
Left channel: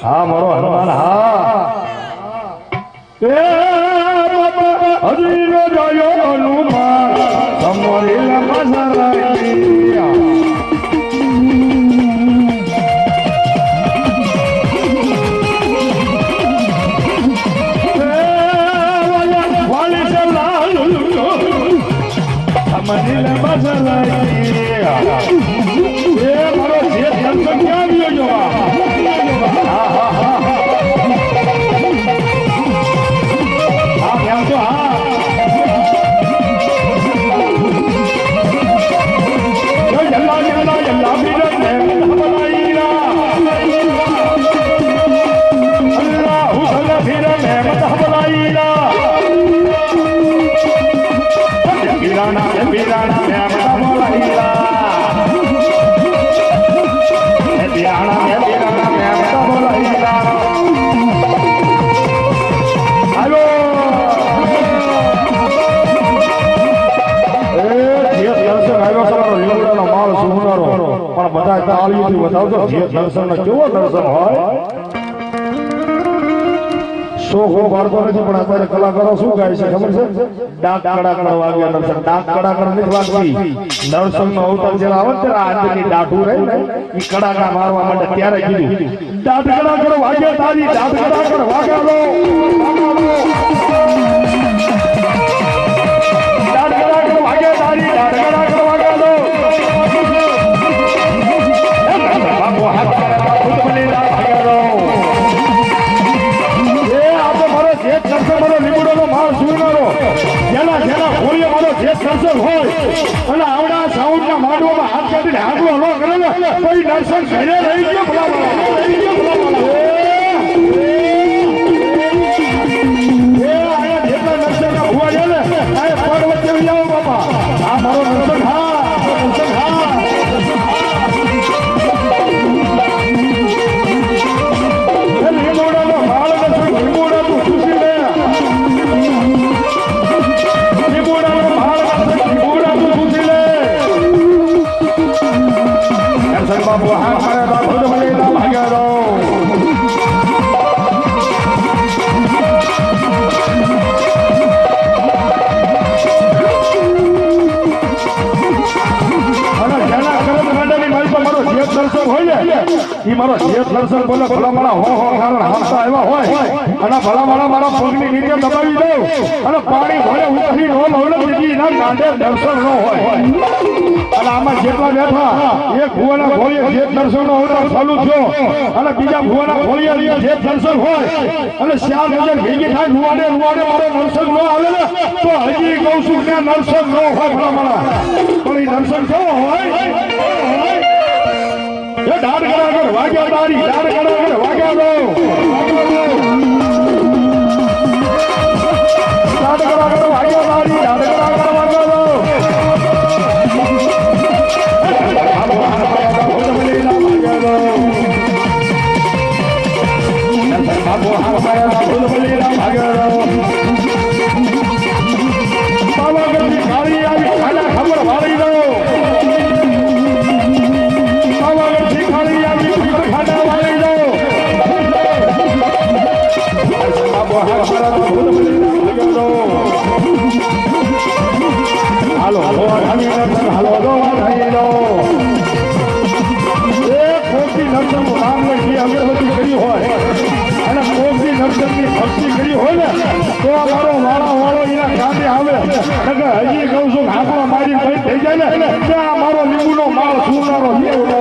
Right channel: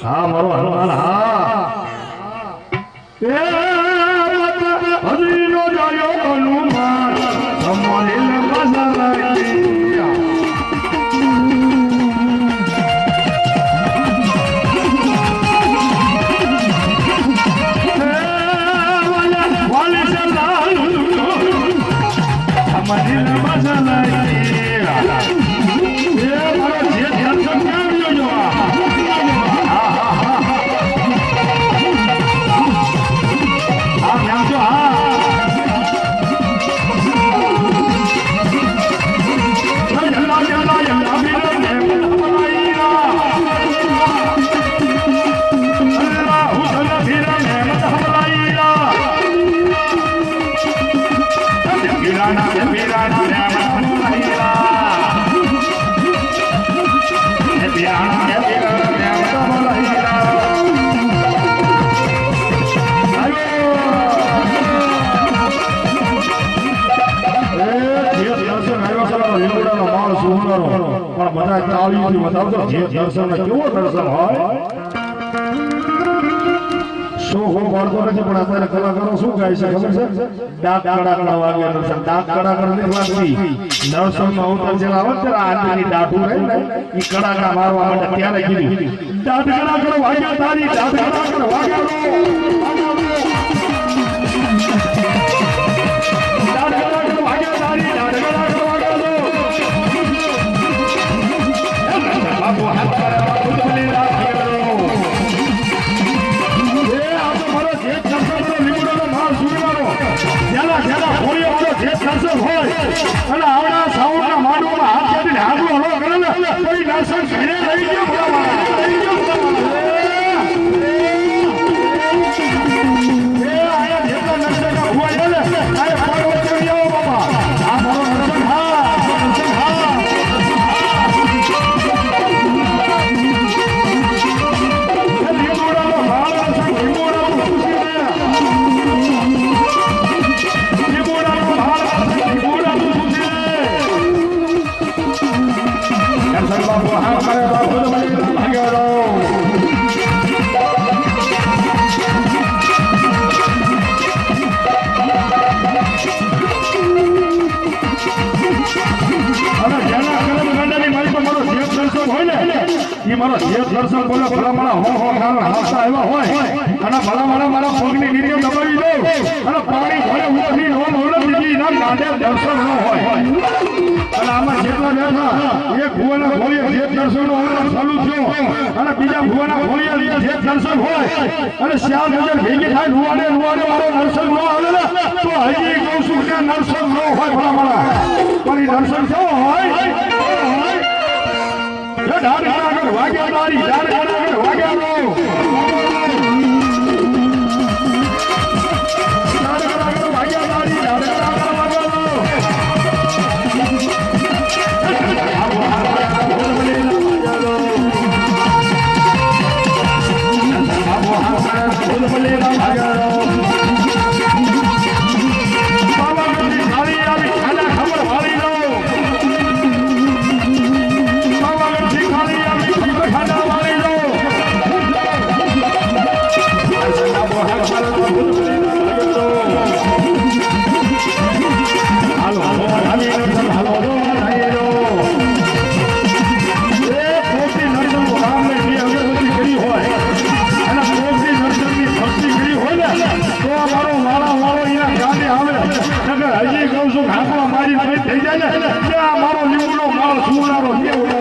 હા મારો હનુમાન હા હજી નો જાયો હનુમાન તમારી દર્શન કેવો દર્શન હોય શોખો બાળકો નથી પણ અત્યારે કલાકારો શું કહે છે ખબર છે ડાક કડાકડ વાગ્યા દર્શન ડાક કડાકડ નથી વાગતી દર્શન નો અવતાર જરા આવે ત્યારે આંતરની દાઢું રહે ને એ કડાકા મારવા માટે ત્યારે કીધું ડાક કડાકડ વાગ્યા તારી ડાક કડાકડ વાગ્યા લો ડાક કડાકડ વાગ્યા તારી ડાક કડાકડ વાગ્યા લો બાપુ હાથ અને આવડા સાઉન્ડ ના માંડવામાં હાથ કાઢીને હાથમાં ન કરે ને કોઈ દર્શન ઘરે રહી ગયો મારો જે દર્શન બોલે ભલામણા હો કારણ હાથા એવા હોય અને ભલામણા મારા પગની નીચે દબાવી દઉં અને પાણી ભરે ઉતરી નો નવલે દીધી ના કાંડે દર્શન ન હોય અને આમાં જેટલા બેઠા એક ભુવાના ઘોડીએ જે દર્શન નો અવતાર ચાલુ થયો અને બીજા ભુવાના ઘોડીએ જે દર્શન હોય અને શ્યામ નજર ભેગી થાય નુવાડે નુવાડે મારો દર્શન ન આવે ને તો હજી કહું છું કે દર્શન ન હોય ભલામણા પણ એ દર્શન કેવો હોય ડાઢ કડાકડ વાગ્યા તારી ડાઢ કડાકડ વાગ્યા દો ડાઢ કડાકડ વાગ્યા તારી ડાઢ કડાકડ વાગ્યા દો બાપુ હાથ કરે ભૂલ ભૂલી ના ભાગ્યા દો મારો વાળા વાળો અહીંયા ગામે આવે હજી કહું છું હાથમાં મારી થઈ જાય ને ત્યાં મારો લીંબુનો મારો સુનારો લેવડો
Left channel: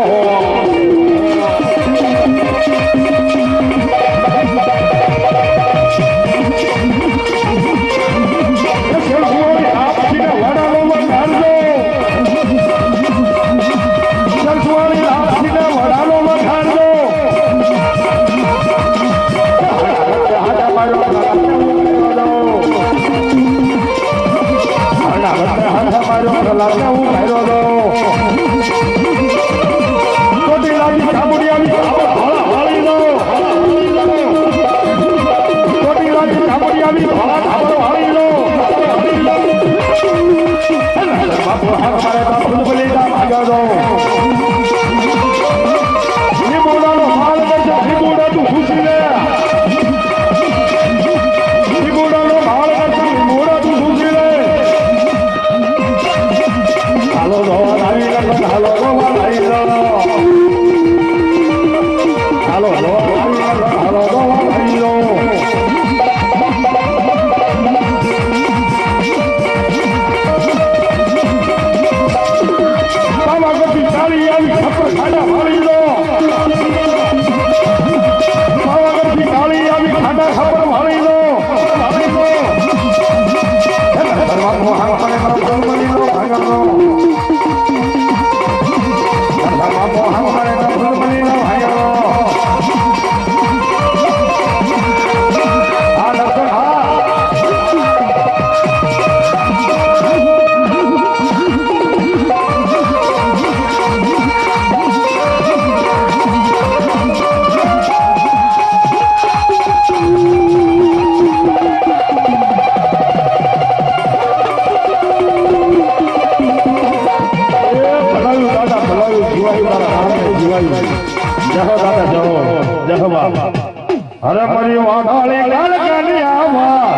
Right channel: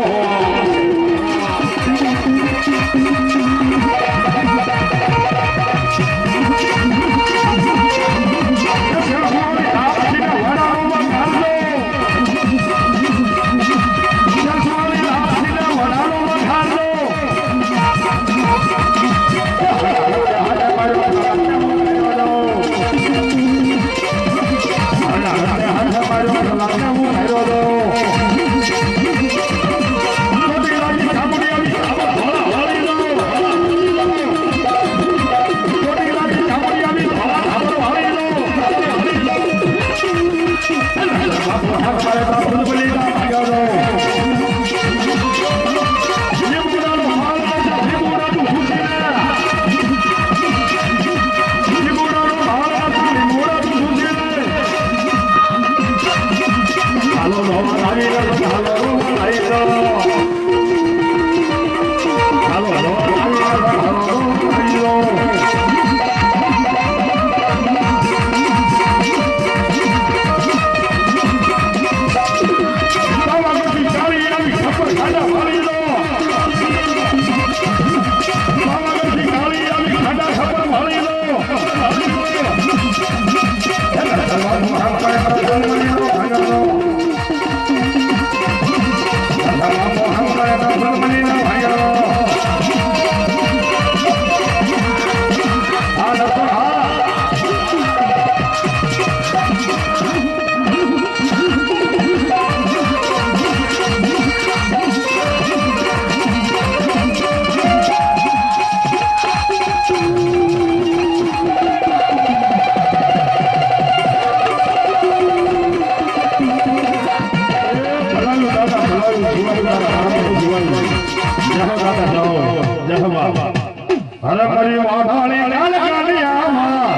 હરે મારી વાઘાળી ગાલગાની આવા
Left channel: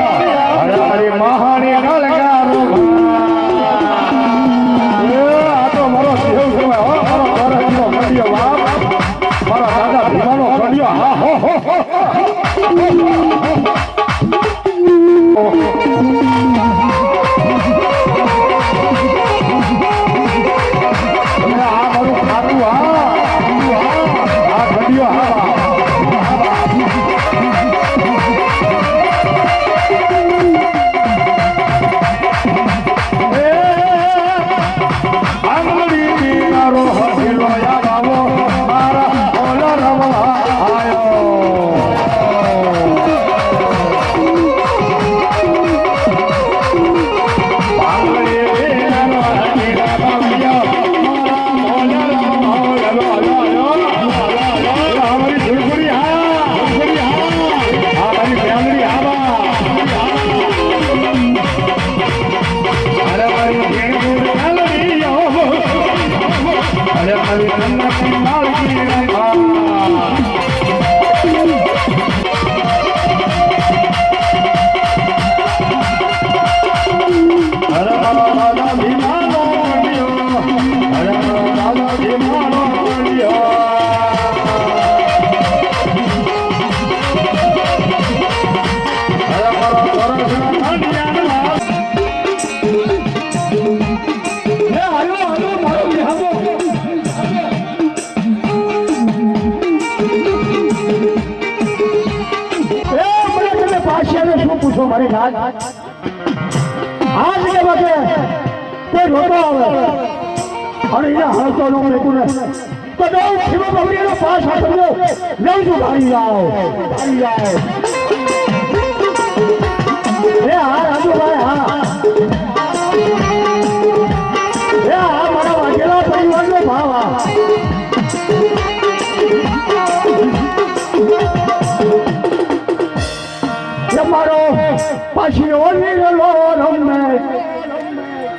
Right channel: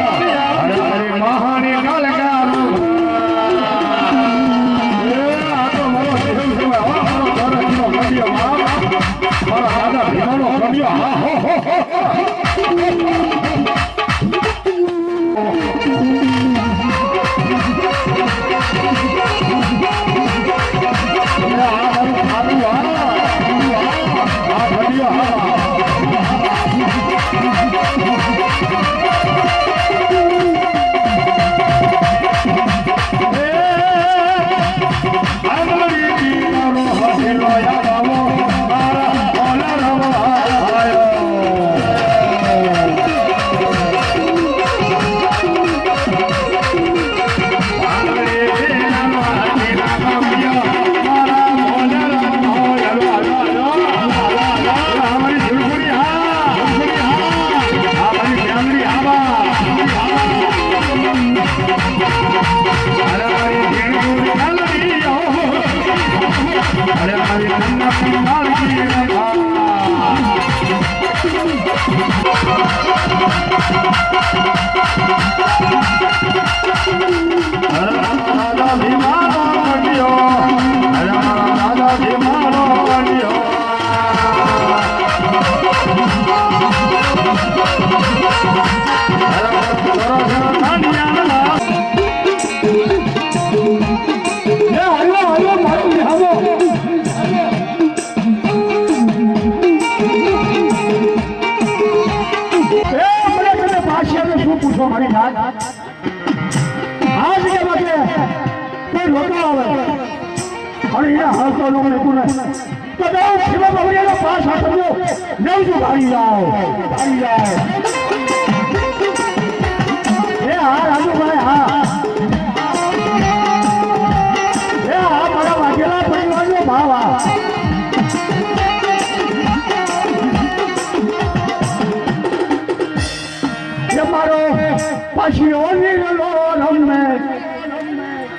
હરે મારી મહાની ગાલગારો આ તો મારો દેવ કહેવાય હો મારો ઘરનો કડિયો બાપ મારા દાદા ભીમાનો કડિયો હા હો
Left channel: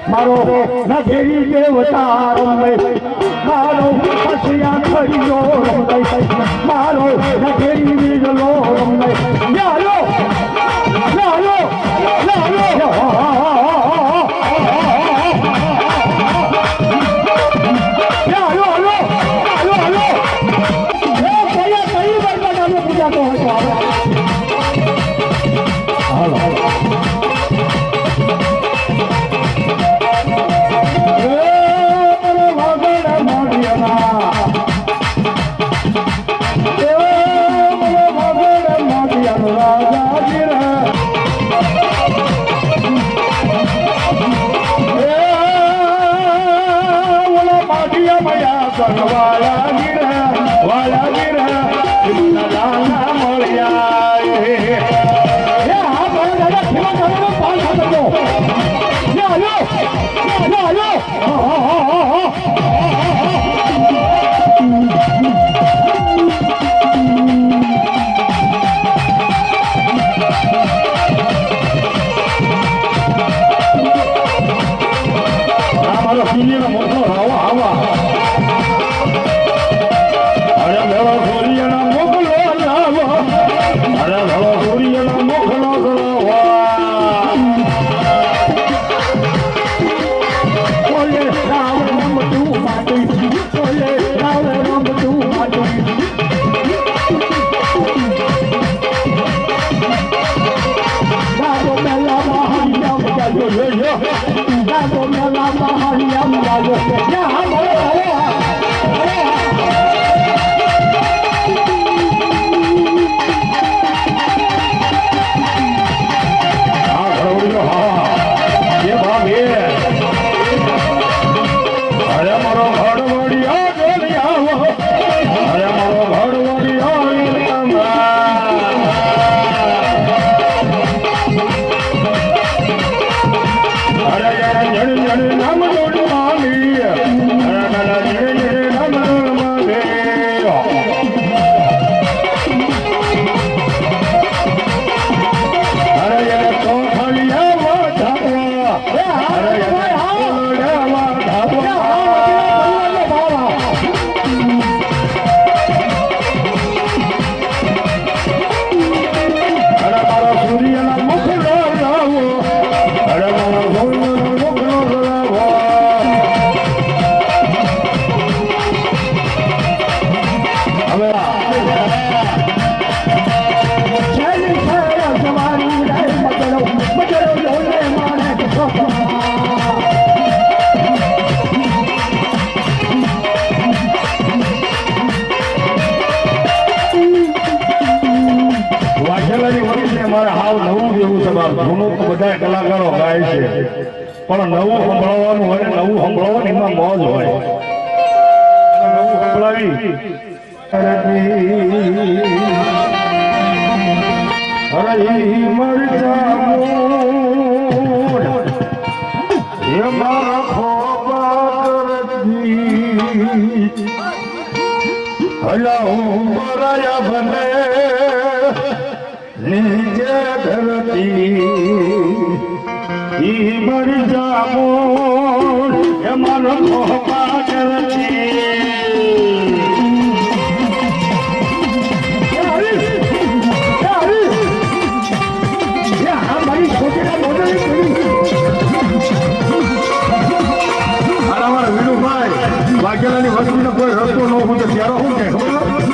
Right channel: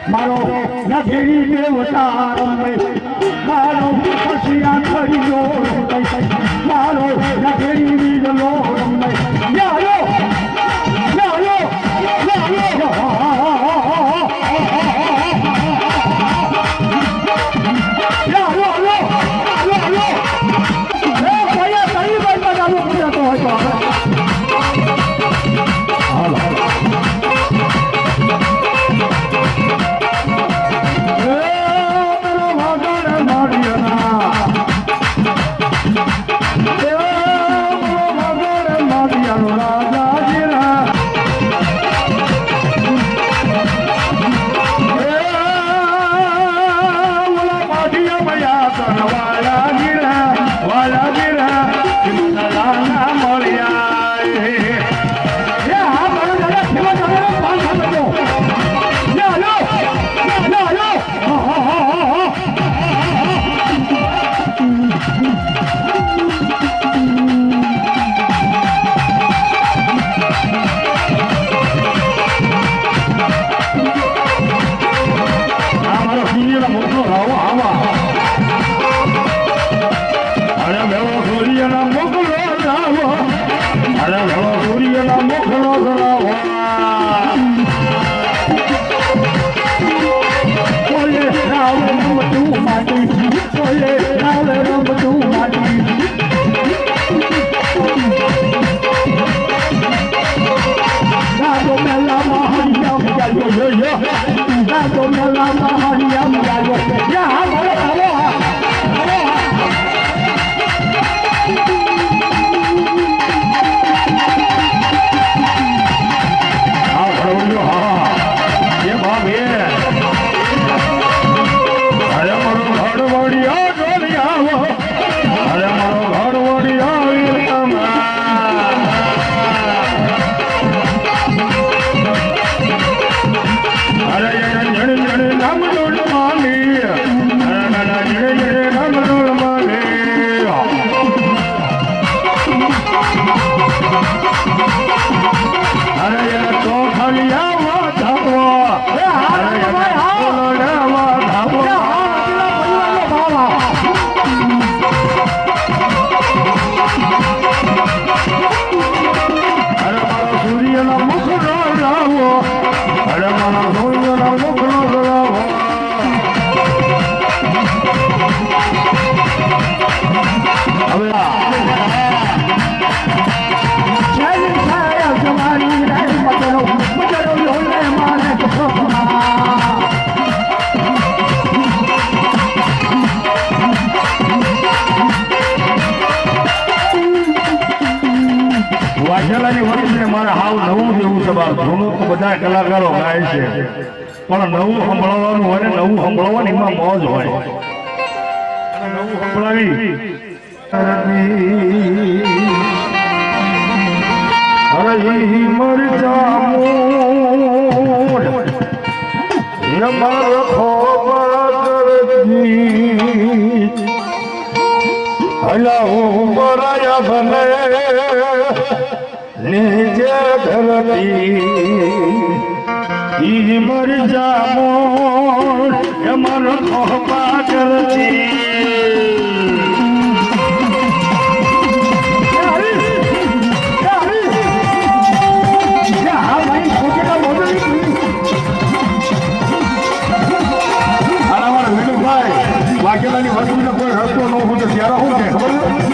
મારો નગેરી દેવતા રમે મારો પસિયા ખરીયો રમે મારો નગેરી વીરલો રમે યારો યારો યારો Hello. બધા કલાકારો ગાય છે પણ નવું સંભળાવવાનું હોય ને નવું સંભળાવવાનું એમાં મોજ હોય નવું સંભળાવી નીચે ધરતી ઈ મર જામો એ મારો ખોપા કરતી વાઘેલાની વસ્તુનો કોઈ રસ્તો ન હોય ત્યારે શું કે ખબર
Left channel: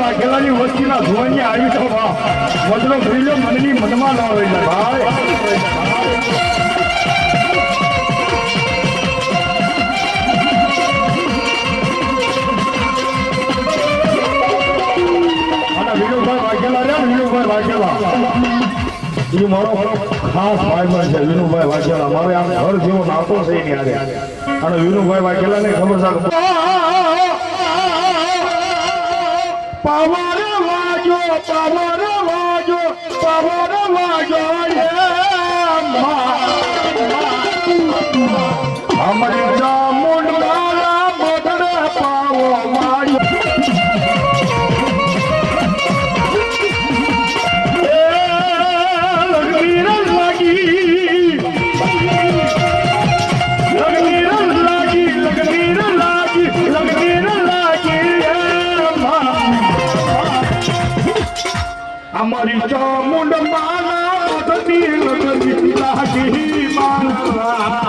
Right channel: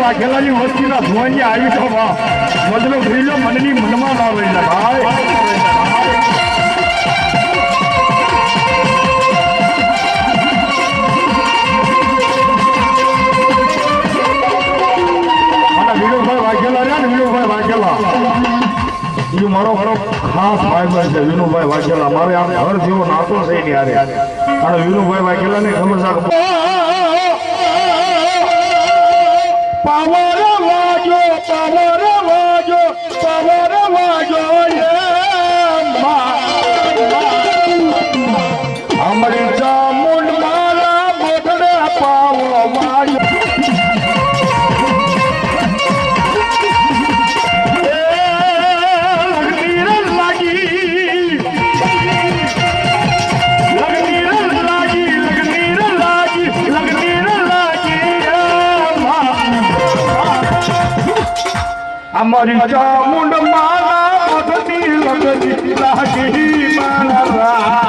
વાઘેલાની વસ્તીના ધુવાની આવી તો વજનો ભરીલો મનની મનમાં ન રહી જાય ભાઈ એ મારો ખાસ ભાઈ છે વિનુભાઈ વાઘેલા મારે આમ ઘર જેવો નાતો છે એની હારે અને વિનુભાઈ વાઘેલા ને ખબર છે પાવર વાજો અમારી ચામુંડ મારા બોધડે પાવો વાજો અમારી ચામુંડ માના બધી લગતી લાગી મારા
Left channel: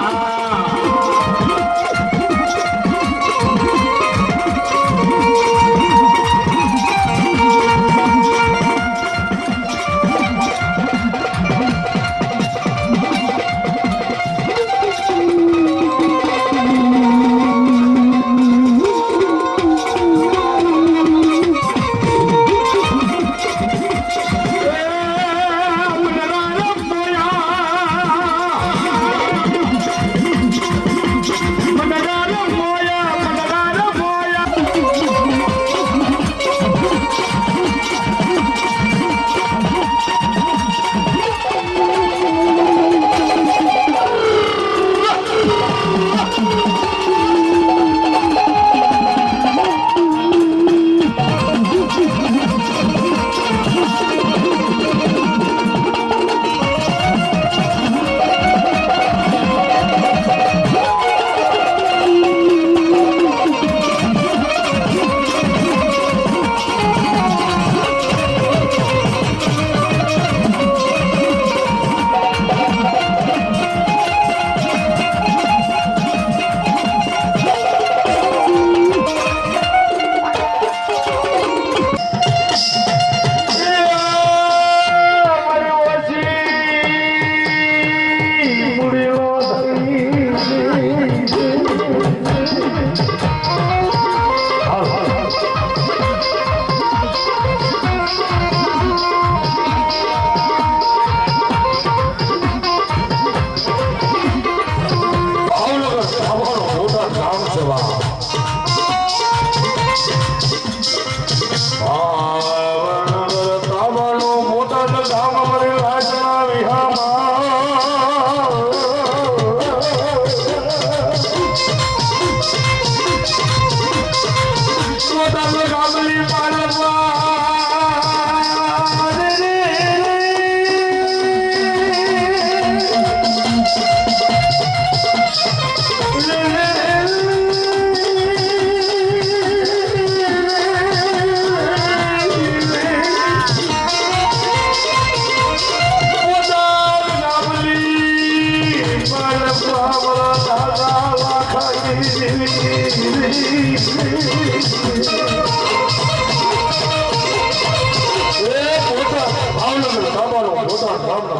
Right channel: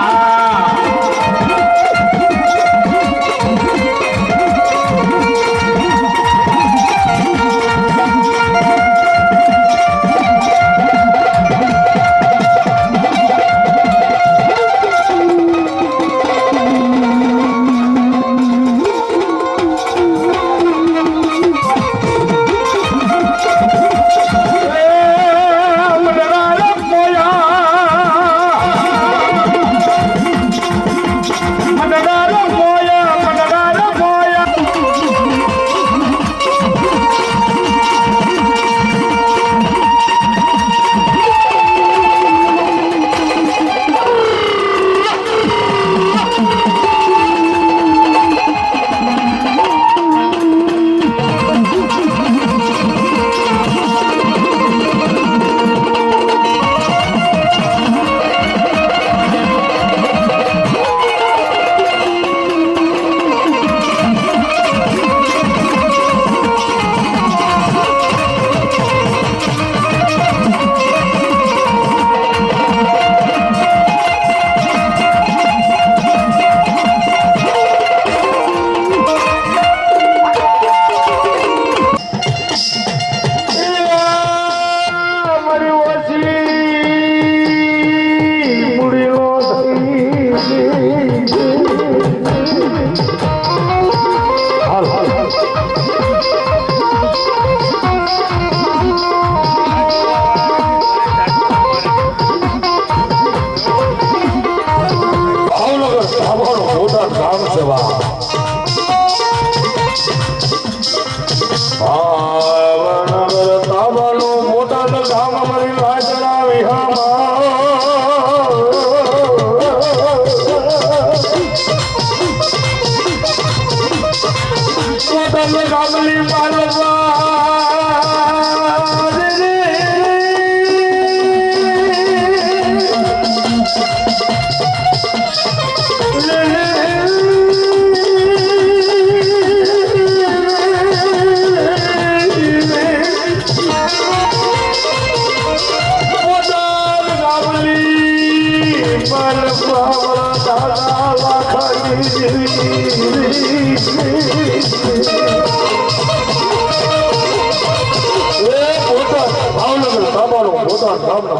ભાવનગર તાબાનો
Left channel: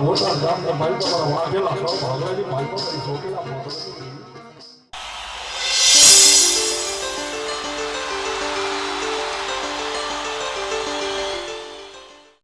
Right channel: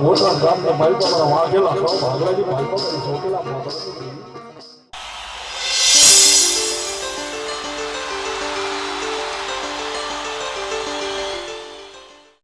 મોટા ગામના માલકો વાઘેલા સૌ ભાગલાજી માલકો સોકેલા